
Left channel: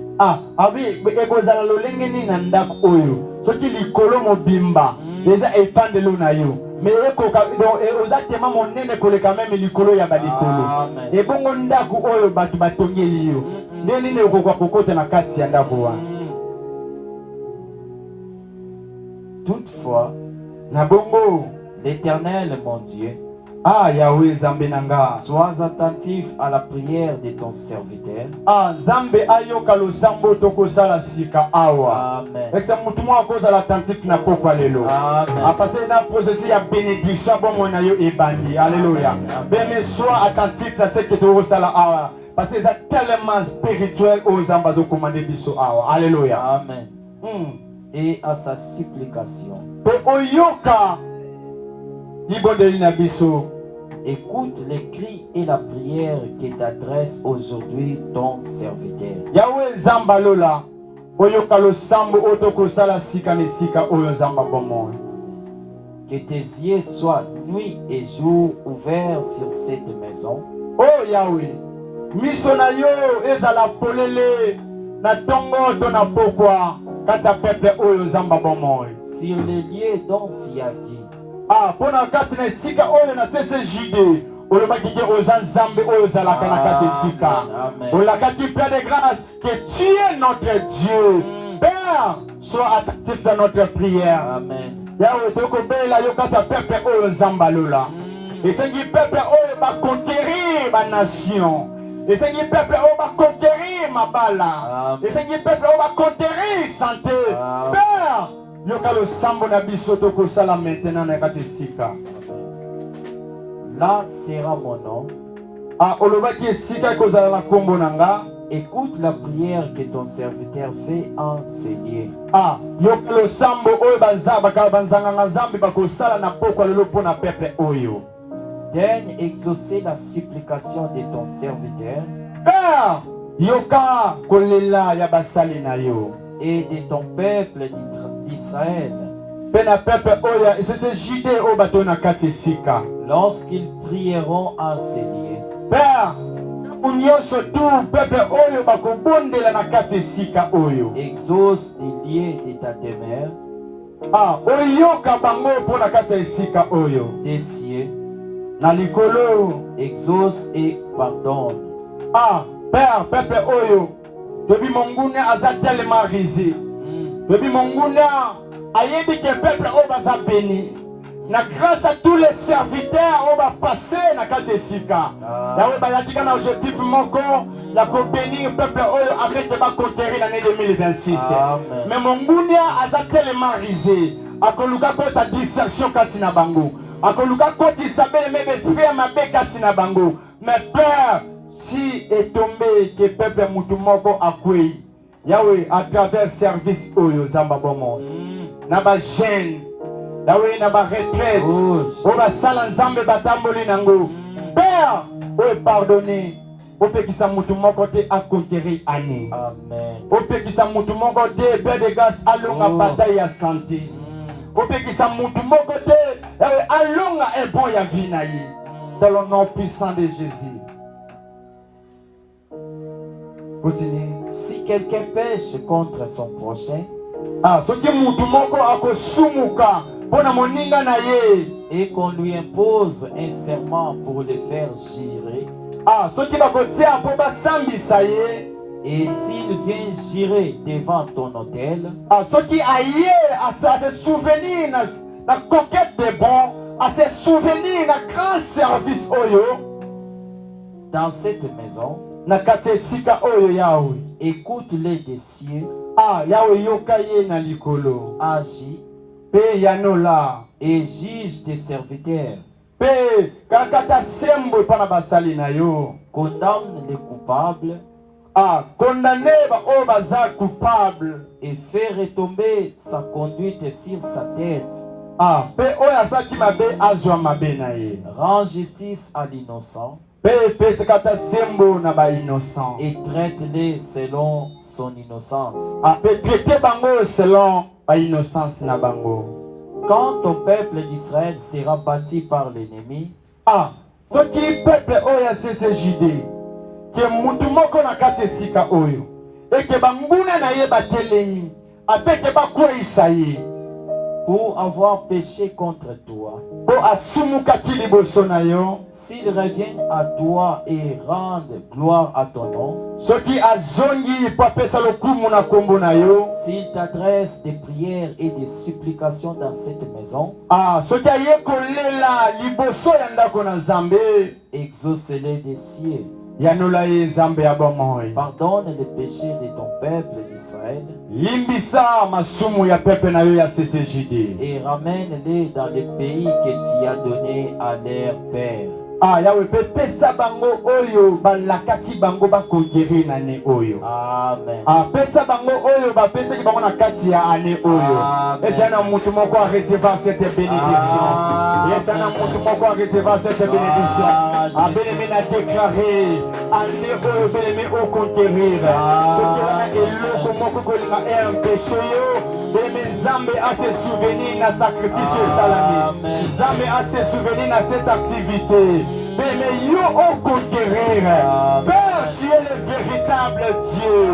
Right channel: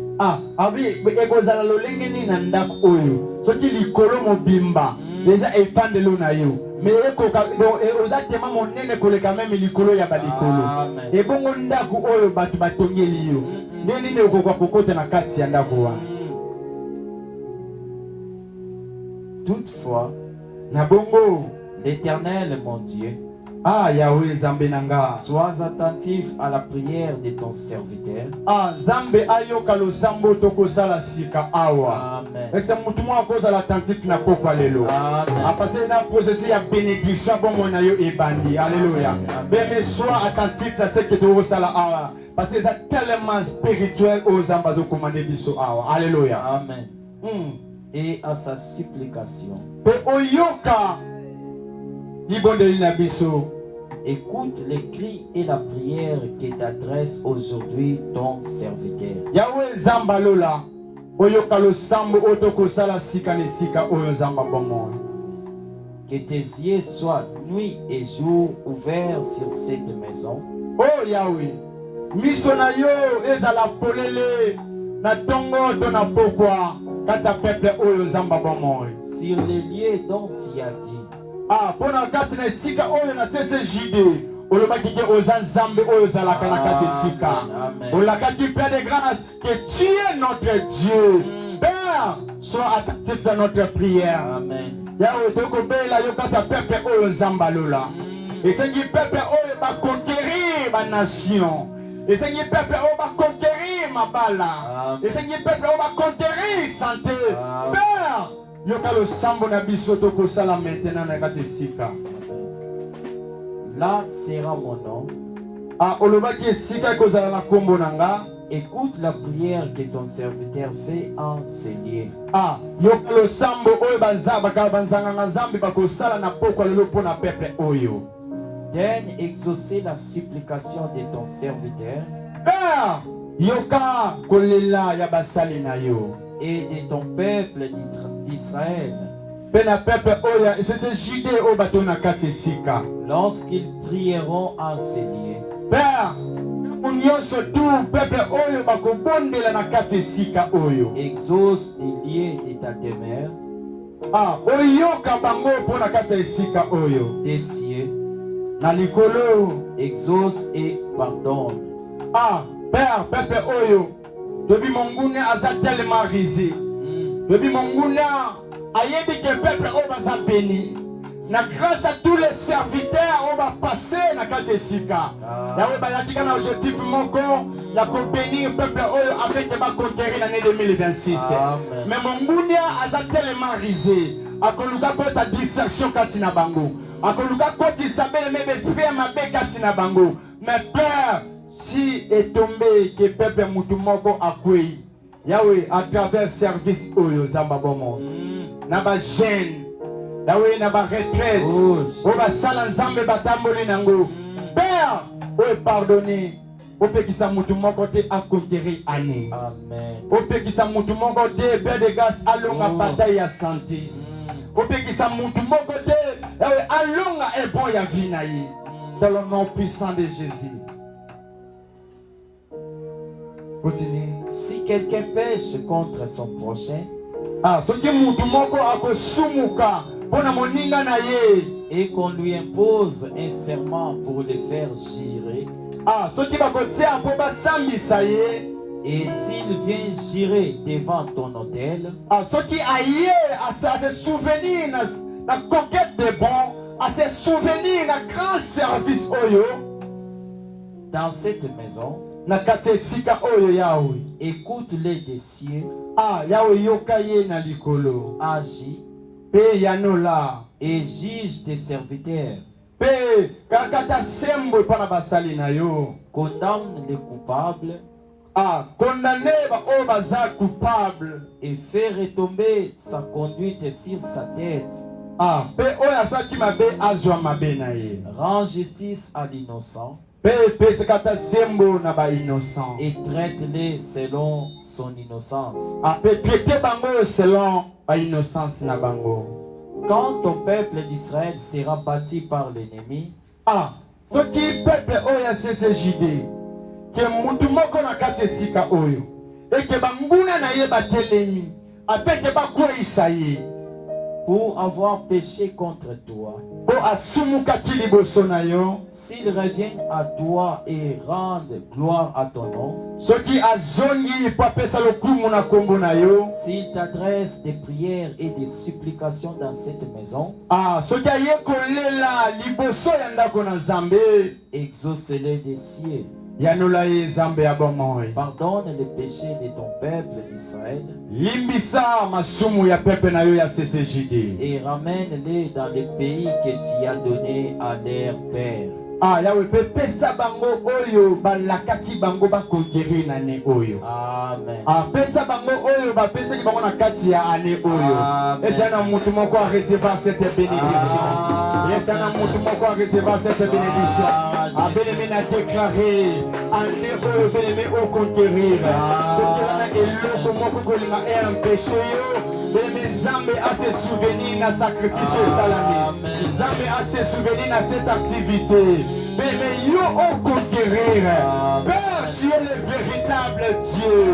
Toutefois, l'Éternel, mon Dieu, Ah, Yahweh Nzambe nanga. Sois attentif à la prière de ton serviteur. Ah, Nzambe ayoka losambo tokosala sika awa. Amen. Et c'est mutumo akozala attentif na pokwa lelo. Amen. Ah, parce que na processus ya bénédiction bongo na yo ebandi. Alléluia. Mais sois attentif à ce que tu osala awa. Parce que c'est tellement spirituel aux ambazo commandé biso awa. Alléluia. Amen. Et à sa supplication. Pe oyoka libondeli na biso. Écoute les cris et la prière que t'adresse aujourd'hui ton serviteur. Yahweh Nzamba lola. Oyoka losambo otokosala sika ne sika oyo Nzamba bomo. Que tes yeux soient nuit et jour ouverts sur cette maison. Oh Yahweh, miso na yo ezala polele na tongo to na pokwa kata pepe oyo Nzamba bomo. Sur les lieux dont tu as dit. Ah, pona kati na sika oyo na CCJD. Olobaki ke oza Nzambe oyo zalaka na kati sika. Olakaki Père de grâce que tu es notre Dieu. Père, sois attentif à notre prière. Amen. Yahweh tokobela yo kata pepe oyo Nzamba lola. Esengi pepe oyo ba conquérir ba nation. Esengi pepe oyo ba conquérir mabala. Esengi pepe oyo ba conquérir santé. Père, yoka lo sambo na biso tokosala maintenant na kati sika. Là sera mon nom. Ah, olobaki esika kozala na kombo nanga. Écoute la prière que ton serviteur fait en ce lieu. Ah, yoka lo sambo oyo banzanga Nzambe bakosala na pokwa lelo pona pepe oyo. Daigne exaucer la supplication de ton serviteur. Père, yoka kolela ya basali na yo. Et de ton peuple d'Israël. Pena pepe oya esese jide o bato na kati sika. Lorsqu'ils prieront en ce lieu. Père, unyoso tu pepe oyo bakobondela na kati sika oyo. Exauce des lieux de ta demeure. Ah, oyoka bango po na kati sika oyo. Des cieux. Na likolo. Exauce et pardonne. Ah, Père, pepe oyo. Depuis mon gouna aza tellement risé. Depuis mon gouna ayebi que peuple o baza béni. Na grâce à tous les serviteurs on va passer na kati sika. Yawe bayatika na objectif moko ya ko bénir peuple oyo avec ba conquérir l'année 2026. Mais mon gouna aza tellement risé. Akoluka ko ta distraction kati na bango. Akoluka ko ti sabele me esprit mabe kati na bango. Mais Père, si est tombé que peuple mutumoko akwei Yahweh à travers service oyo Nzamba bomo na ba jeune Yahweh na ba retraite o ba sala Nzambe batamboli nango Père o pardonner o pekisa mutumoko te a conquérir année. Amen. O pekisa mutumoko te Père de grâce alonga bataille ya santé. O pekisa mutumoko te Yahweh alonga e bon ya vie na ye dans le nom puissant de Jésus. Continue. Si quelqu'un pêche contre son prochain, ah, soki mutu moko akosumuka pona moninga na ye, et qu'on lui impose un serment pour le faire jurer, ah, soki bakotia po basambisa ye, et s'il vient jurer devant ton autel, ah, soki aye à se souvenir na conquête de bon, à se souvenir na grand service oyo dans cette maison, na kati sika oyo Yahweh, écoute-les des cieux, ah, Yahweh yoka ye na likolo, agis pe yanola, et juge tes serviteurs, pe kakata sembo pana basali na yo, condamne les coupables, ah, condamner ba o baza coupable, et fais retomber sa conduite sur sa tête. ah, pe oyo asaki mabe azwa mabe na ye. Rends justice à l'innocent Pe sekata sembo na ba innocent. et traite-les selon son innocence. Ah, pe traiter bango selon ba innocence na bango. Quand ton peuple d'Israël sera battu par l'ennemi, Ah, soki peuple oyo CCJD ke mutu moko na kati sika oyo et ke banguna na ye batelemi apeke bakwisa ye pour avoir péché contre toi, po S'ils reviennent à toi et rendent gloire à ton nom, s'ils t'adressent des prières et des supplications dans cette maison, exauce-les des cieux. Pardonne les péchés de ton peuple d'Israël et ramène-les dans le pays que tu as donné à leur père. Yahweh pesa bango oyo balakaki bango ba conquérir l'année oyo. Amen. Pesa bango oyo ba pesa ki bango na kati ya année oyo. Est-ce que na mutu moko a recevoir cette bénédiction? Est-ce que na mutu moko a recevoir cette bénédiction? Bien-aimé a déclaré année oyo bien-aimé au conquérir. Ce qui est eloko moko kolinga est un péché yo. Bien-aimé Nzambe a se souvenir na sacrifice salami. Nzambe a se souvenir na cette activité. Mais yo au conquérir. Père, tu es le véritable Dieu.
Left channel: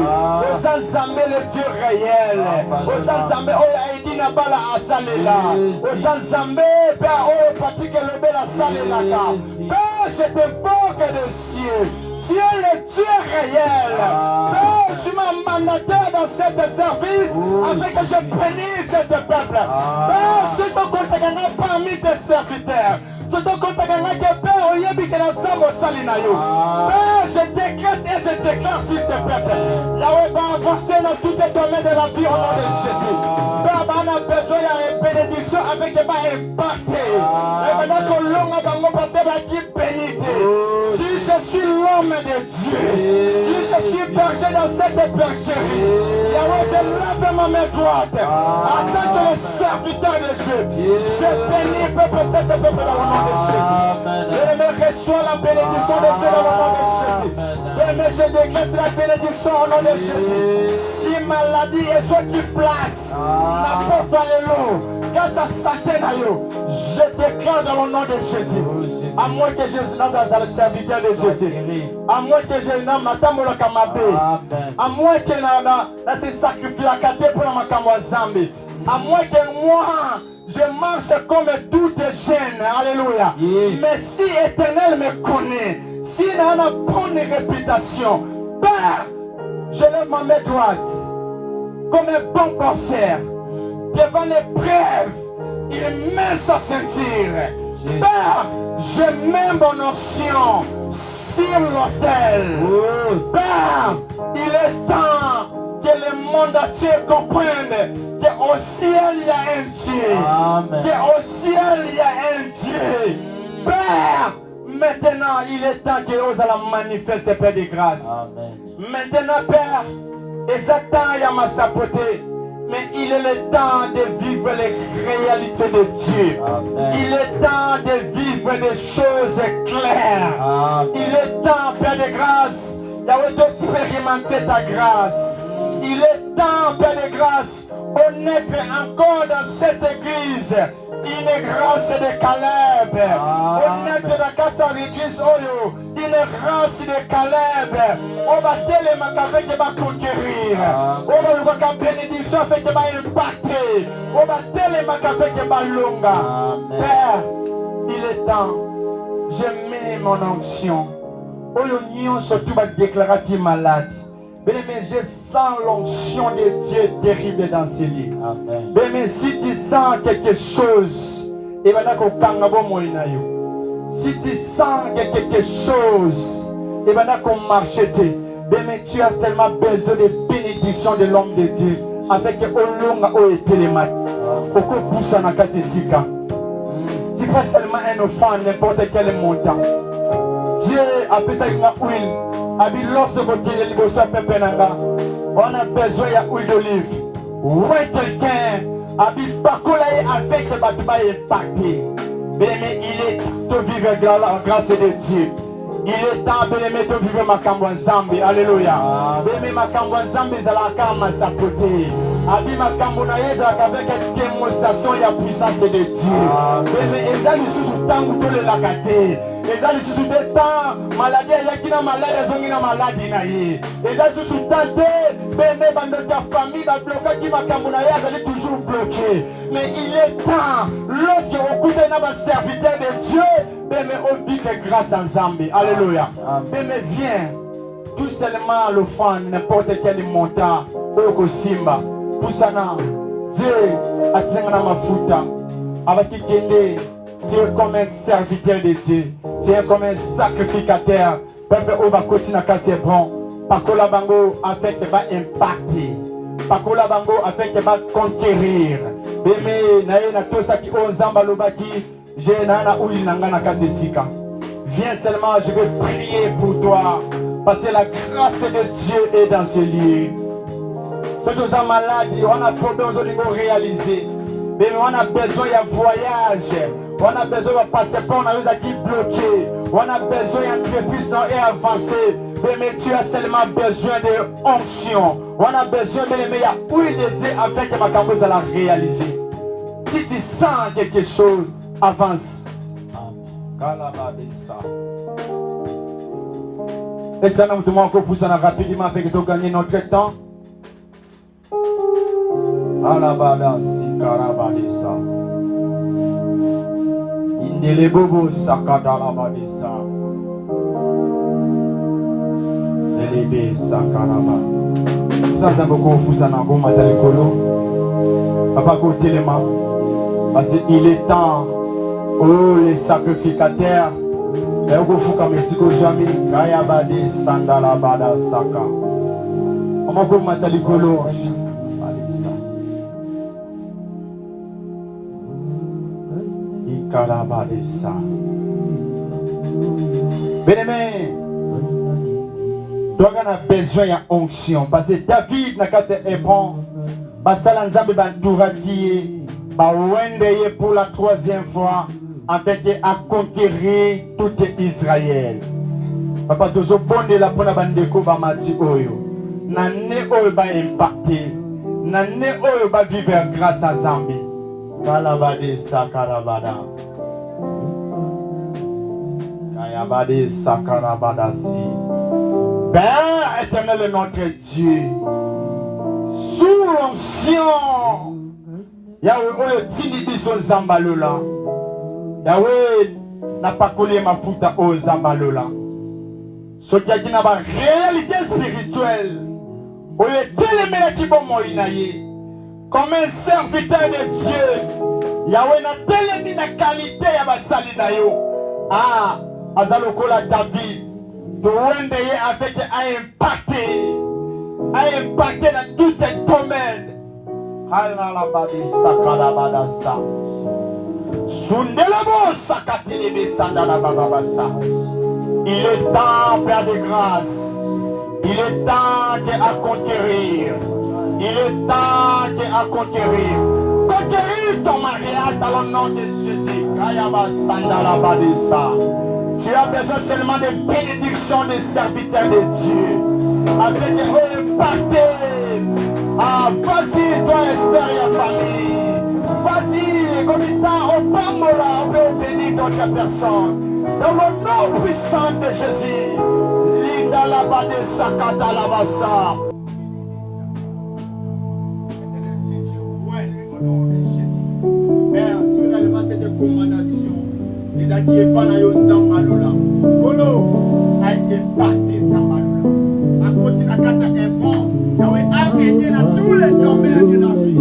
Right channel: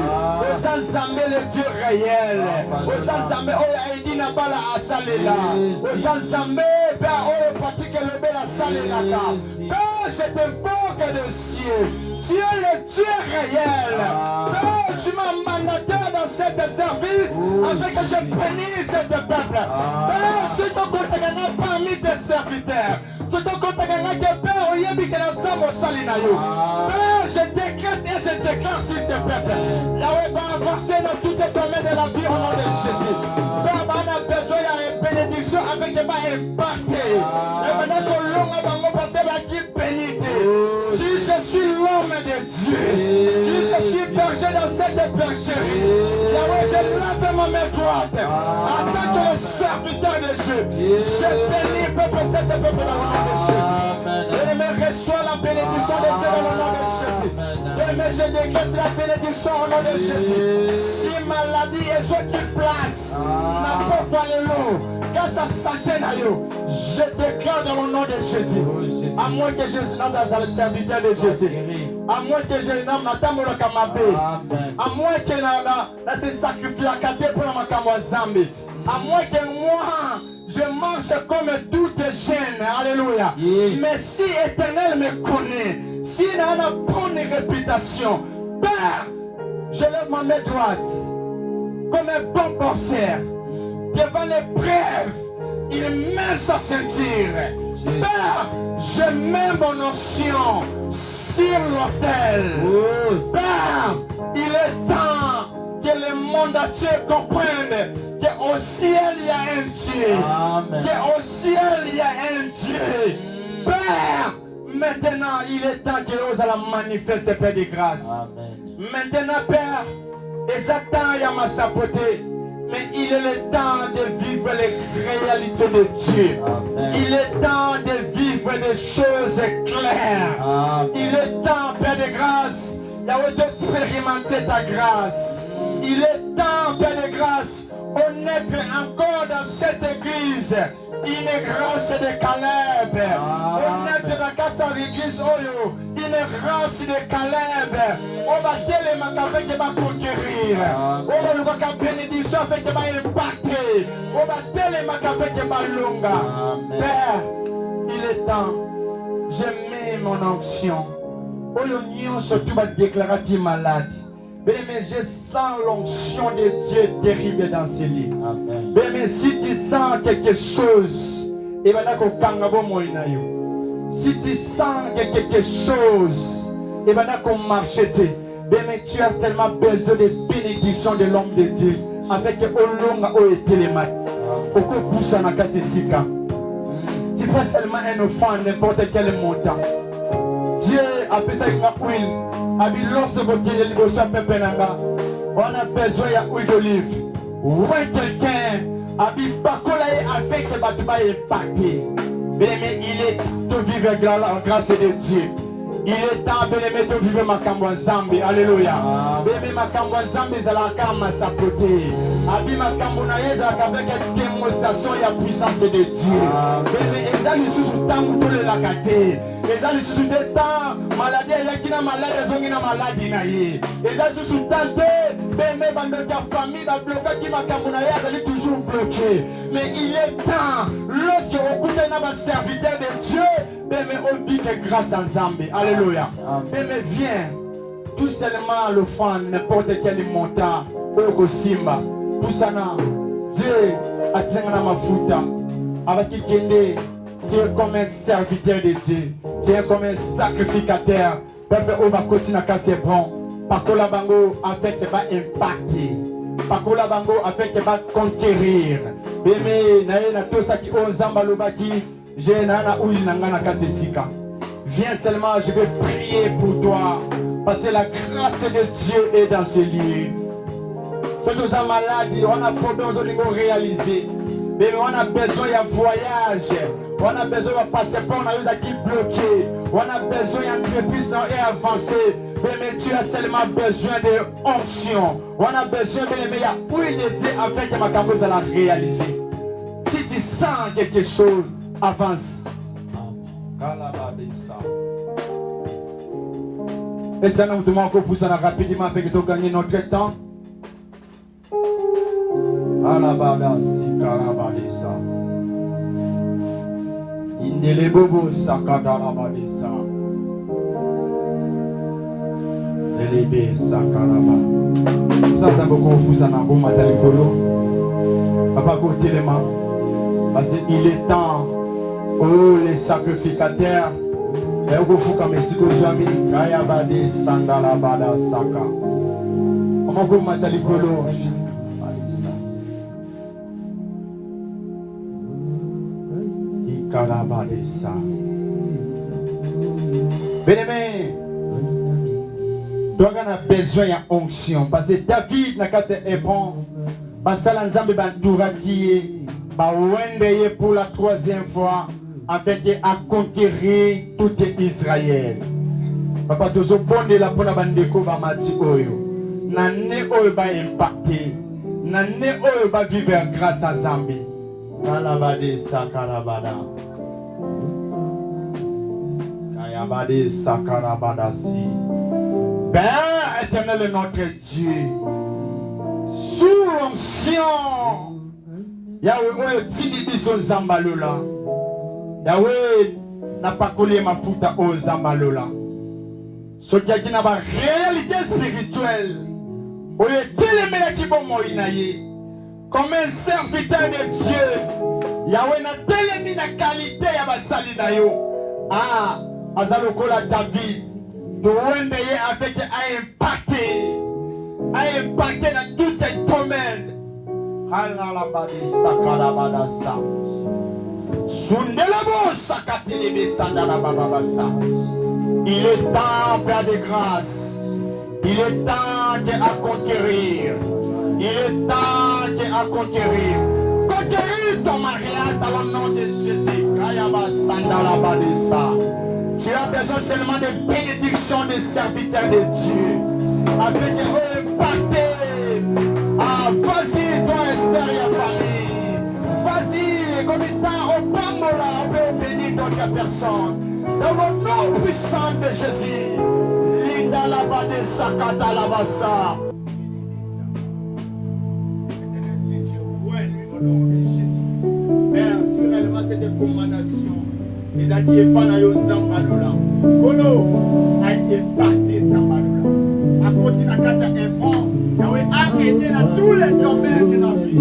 Osa Nzambe le Dieu réel. Osa Nzambe oya edina bala asalela. Osa Nzambe Père oya pratique le bel asalela. Père, je t'invoque de cieux. Tu es le Dieu réel. Père, tu m'as mandaté dans cet service afin que je bénisse ce peuple. Père, c'est ton compte parmi tes serviteurs. C'est ton compte que Père, je décrète et je déclare sur ce peuple. Yahweh va avancer dans tout domaine de la vie au nom de Jésus. Père, on a besoin d'une bénédiction avec un impacté. Et maintenant que l'homme a passé par qui bénité. Si je suis l'homme de Dieu, si je suis berger dans cette bergerie, Yahweh, je lève ma main droite en tant que le serviteur de Dieu. Je bénis le peuple, cet peuple dans le nom de Jésus. Bien-aimé, reçois la bénédiction de Dieu dans le nom de Jésus. Bien-aimé, je décrète la bénédiction au nom de Jésus. Si maladie est soit qui place, n'importe pas les lots, quand ta santé n'a eu, je déclare dans le nom de Jésus. À moins que je sois dans le serviteur de Dieu. À moins que je n'aime ma dame ou le kamabé. À moins que je sacrifie la caté pour ma kamazambi. À moins que moi, je marche comme tout jeune. Alléluia. Mais si l'Éternel me connaît, s'il a une bonne réputation, Père, je lève ma main droite comme un bon boxeur. Devant l'épreuve, il met sa ceinture. Père, je mets mon onction sur l'autel. Père, il est temps que le monde entier comprenne qu'au ciel il y a un Dieu. Qu'au ciel il y a un Dieu. Père, maintenant il est temps que nous allons manifester Père de grâce. Maintenant, Père, et Satan y a ma sapoté. Mais il est le temps de vivre les réalités de Dieu. Il est temps de vivre des choses claires. Il est temps, Père de grâce, d'expérimenter ta grâce. Il est temps, Père de grâce, on est encore dans cette église. Une grâce de Caleb. On est dans quatre églises. Une grâce de Caleb. On va tellement avec qui va conquérir. On va faire bénédiction avec qui va impacter. On va tellement avec qui va longa. Père, il est temps. Je mets mon onction. On surtout va déclarer qui est malade. Mais je sens l'onction de Dieu terrible dans ces lits. Mais si tu sens quelque chose, si tu sens quelque chose, mais tu as tellement besoin de bénédiction de l'homme de Dieu. Avec Olonga ou Télémat. Tu fais seulement un enfant n'importe quel montant. Dieu a besoin de l'huile. On a besoin d'huile d'olive. Ouais, quelqu'un a avec le bâtiment impacté. Mais il est temps de vivre la grâce de Dieu. Il est temps de vivre ma Zambie. Alléluia. Mais ma Zambie, c'est la cama sa côté. Abi ma Camerounaise avec une démonstration et la puissance de Dieu. Mais ils ont sous temps de la gâter. Eza li sous des temps, maladie yaki na malade zongi na maladie na ye. Eza sous tante, bébé bande ta famille va bloquer qui makambo na ye azali toujours bloqué. Mais il est temps, lorsque on écoute na serviteur de Dieu, bébé on vit que grâce à Zambé. Alléluia. Bébé viens. Tout seulement le fan, n'importe quel montant, au Simba, tout ça, Dieu a traîné ma fouta, avec qui Dieu est comme un serviteur de Dieu, Dieu est comme un sacrificateur, peuple au va continuer à quartier bon, Pakola Bango afin qu'il va impacter, Pakola Bango afin qu'il va conquérir, Bébé, na tout ça qui ont Zambalobaki, j'ai nana ou il n'a pas quartier Sika. Viens seulement, je vais prier pour toi. Parce que la grâce de Dieu est dans ce lieu. Ceux qui sont malades, on a problème de réaliser. Mais on a besoin d'un voyage. On a besoin d'un passeport, on a qui bloqué. On a besoin d'entreprise et avancer. Mais tu as seulement besoin de onction. On a besoin de meilleure huile de Dieu afin que ma campagne la réaliser. Si tu sens quelque chose, avance. Et ça nous demande encore pour ça rapidement avec de gagner notre temps. Alabada si karabadesa. Indele bobo sakada labadesa. Delebe sakaraba. Ça c'est beaucoup pour ça na goma talikolo. Papa ko téléma. Parce qu'il est temps. Oh les sacrificateurs. Ego fuka mestiko zwami kaya bade sandala bada saka. Omoko matalikolo alisa. Ikara bade sa. Bien-aimé, toi on a besoin de onction parce que David n'a qu'à te répondre. Parce que l'ensemble bantoura qui est ba wendeye pour la 3e fois. Avec à conquérir tout Israël. Papa, tous au bon de la bonne bande de Mati Oyo. Nane Oyo va impacter. Nane Oyo va vivre grâce à Zambie. Kalabade Sakarabada. Kayabade Sakarabada si. Père éternel est notre Dieu. Sous l'onction. Yahweh Oyo Tinibiso Zambalola. Yahweh n'a pas collé ma fouta aux Zambalola. Ce qui a dit n'a pas réalité spirituelle. Oye télémena qui bon moïnaye. Comme un serviteur de Dieu. Yahweh n'a télémi na qualité ya basali na yo. Ah, azalokola David. De wendeye avec a impacté dans tout un domaine. Halalabadi sakalabadasa. Il est temps, Père de grâce. Il est temps à conquérir. Il est temps à conquérir. Conquérir ton mariage dans le nom de Jésus. Tu as besoin seulement de bénédictions des serviteurs de Dieu. Avec eux, partez. Ah, vas-y, toi, Esther et la famille. Vas-y, comme il t'a au Bambola, on peut bénir d'autres personnes. Dans le nom puissant de Jésus. Linda la bade sakata la bassa. Père, sûrement c'est des commandations. Et là, tu es pas dans le Zambalola. Kolo, a été parti Zambalola. A continué à faire un bon. Il y a dans tous les domaines de la vie.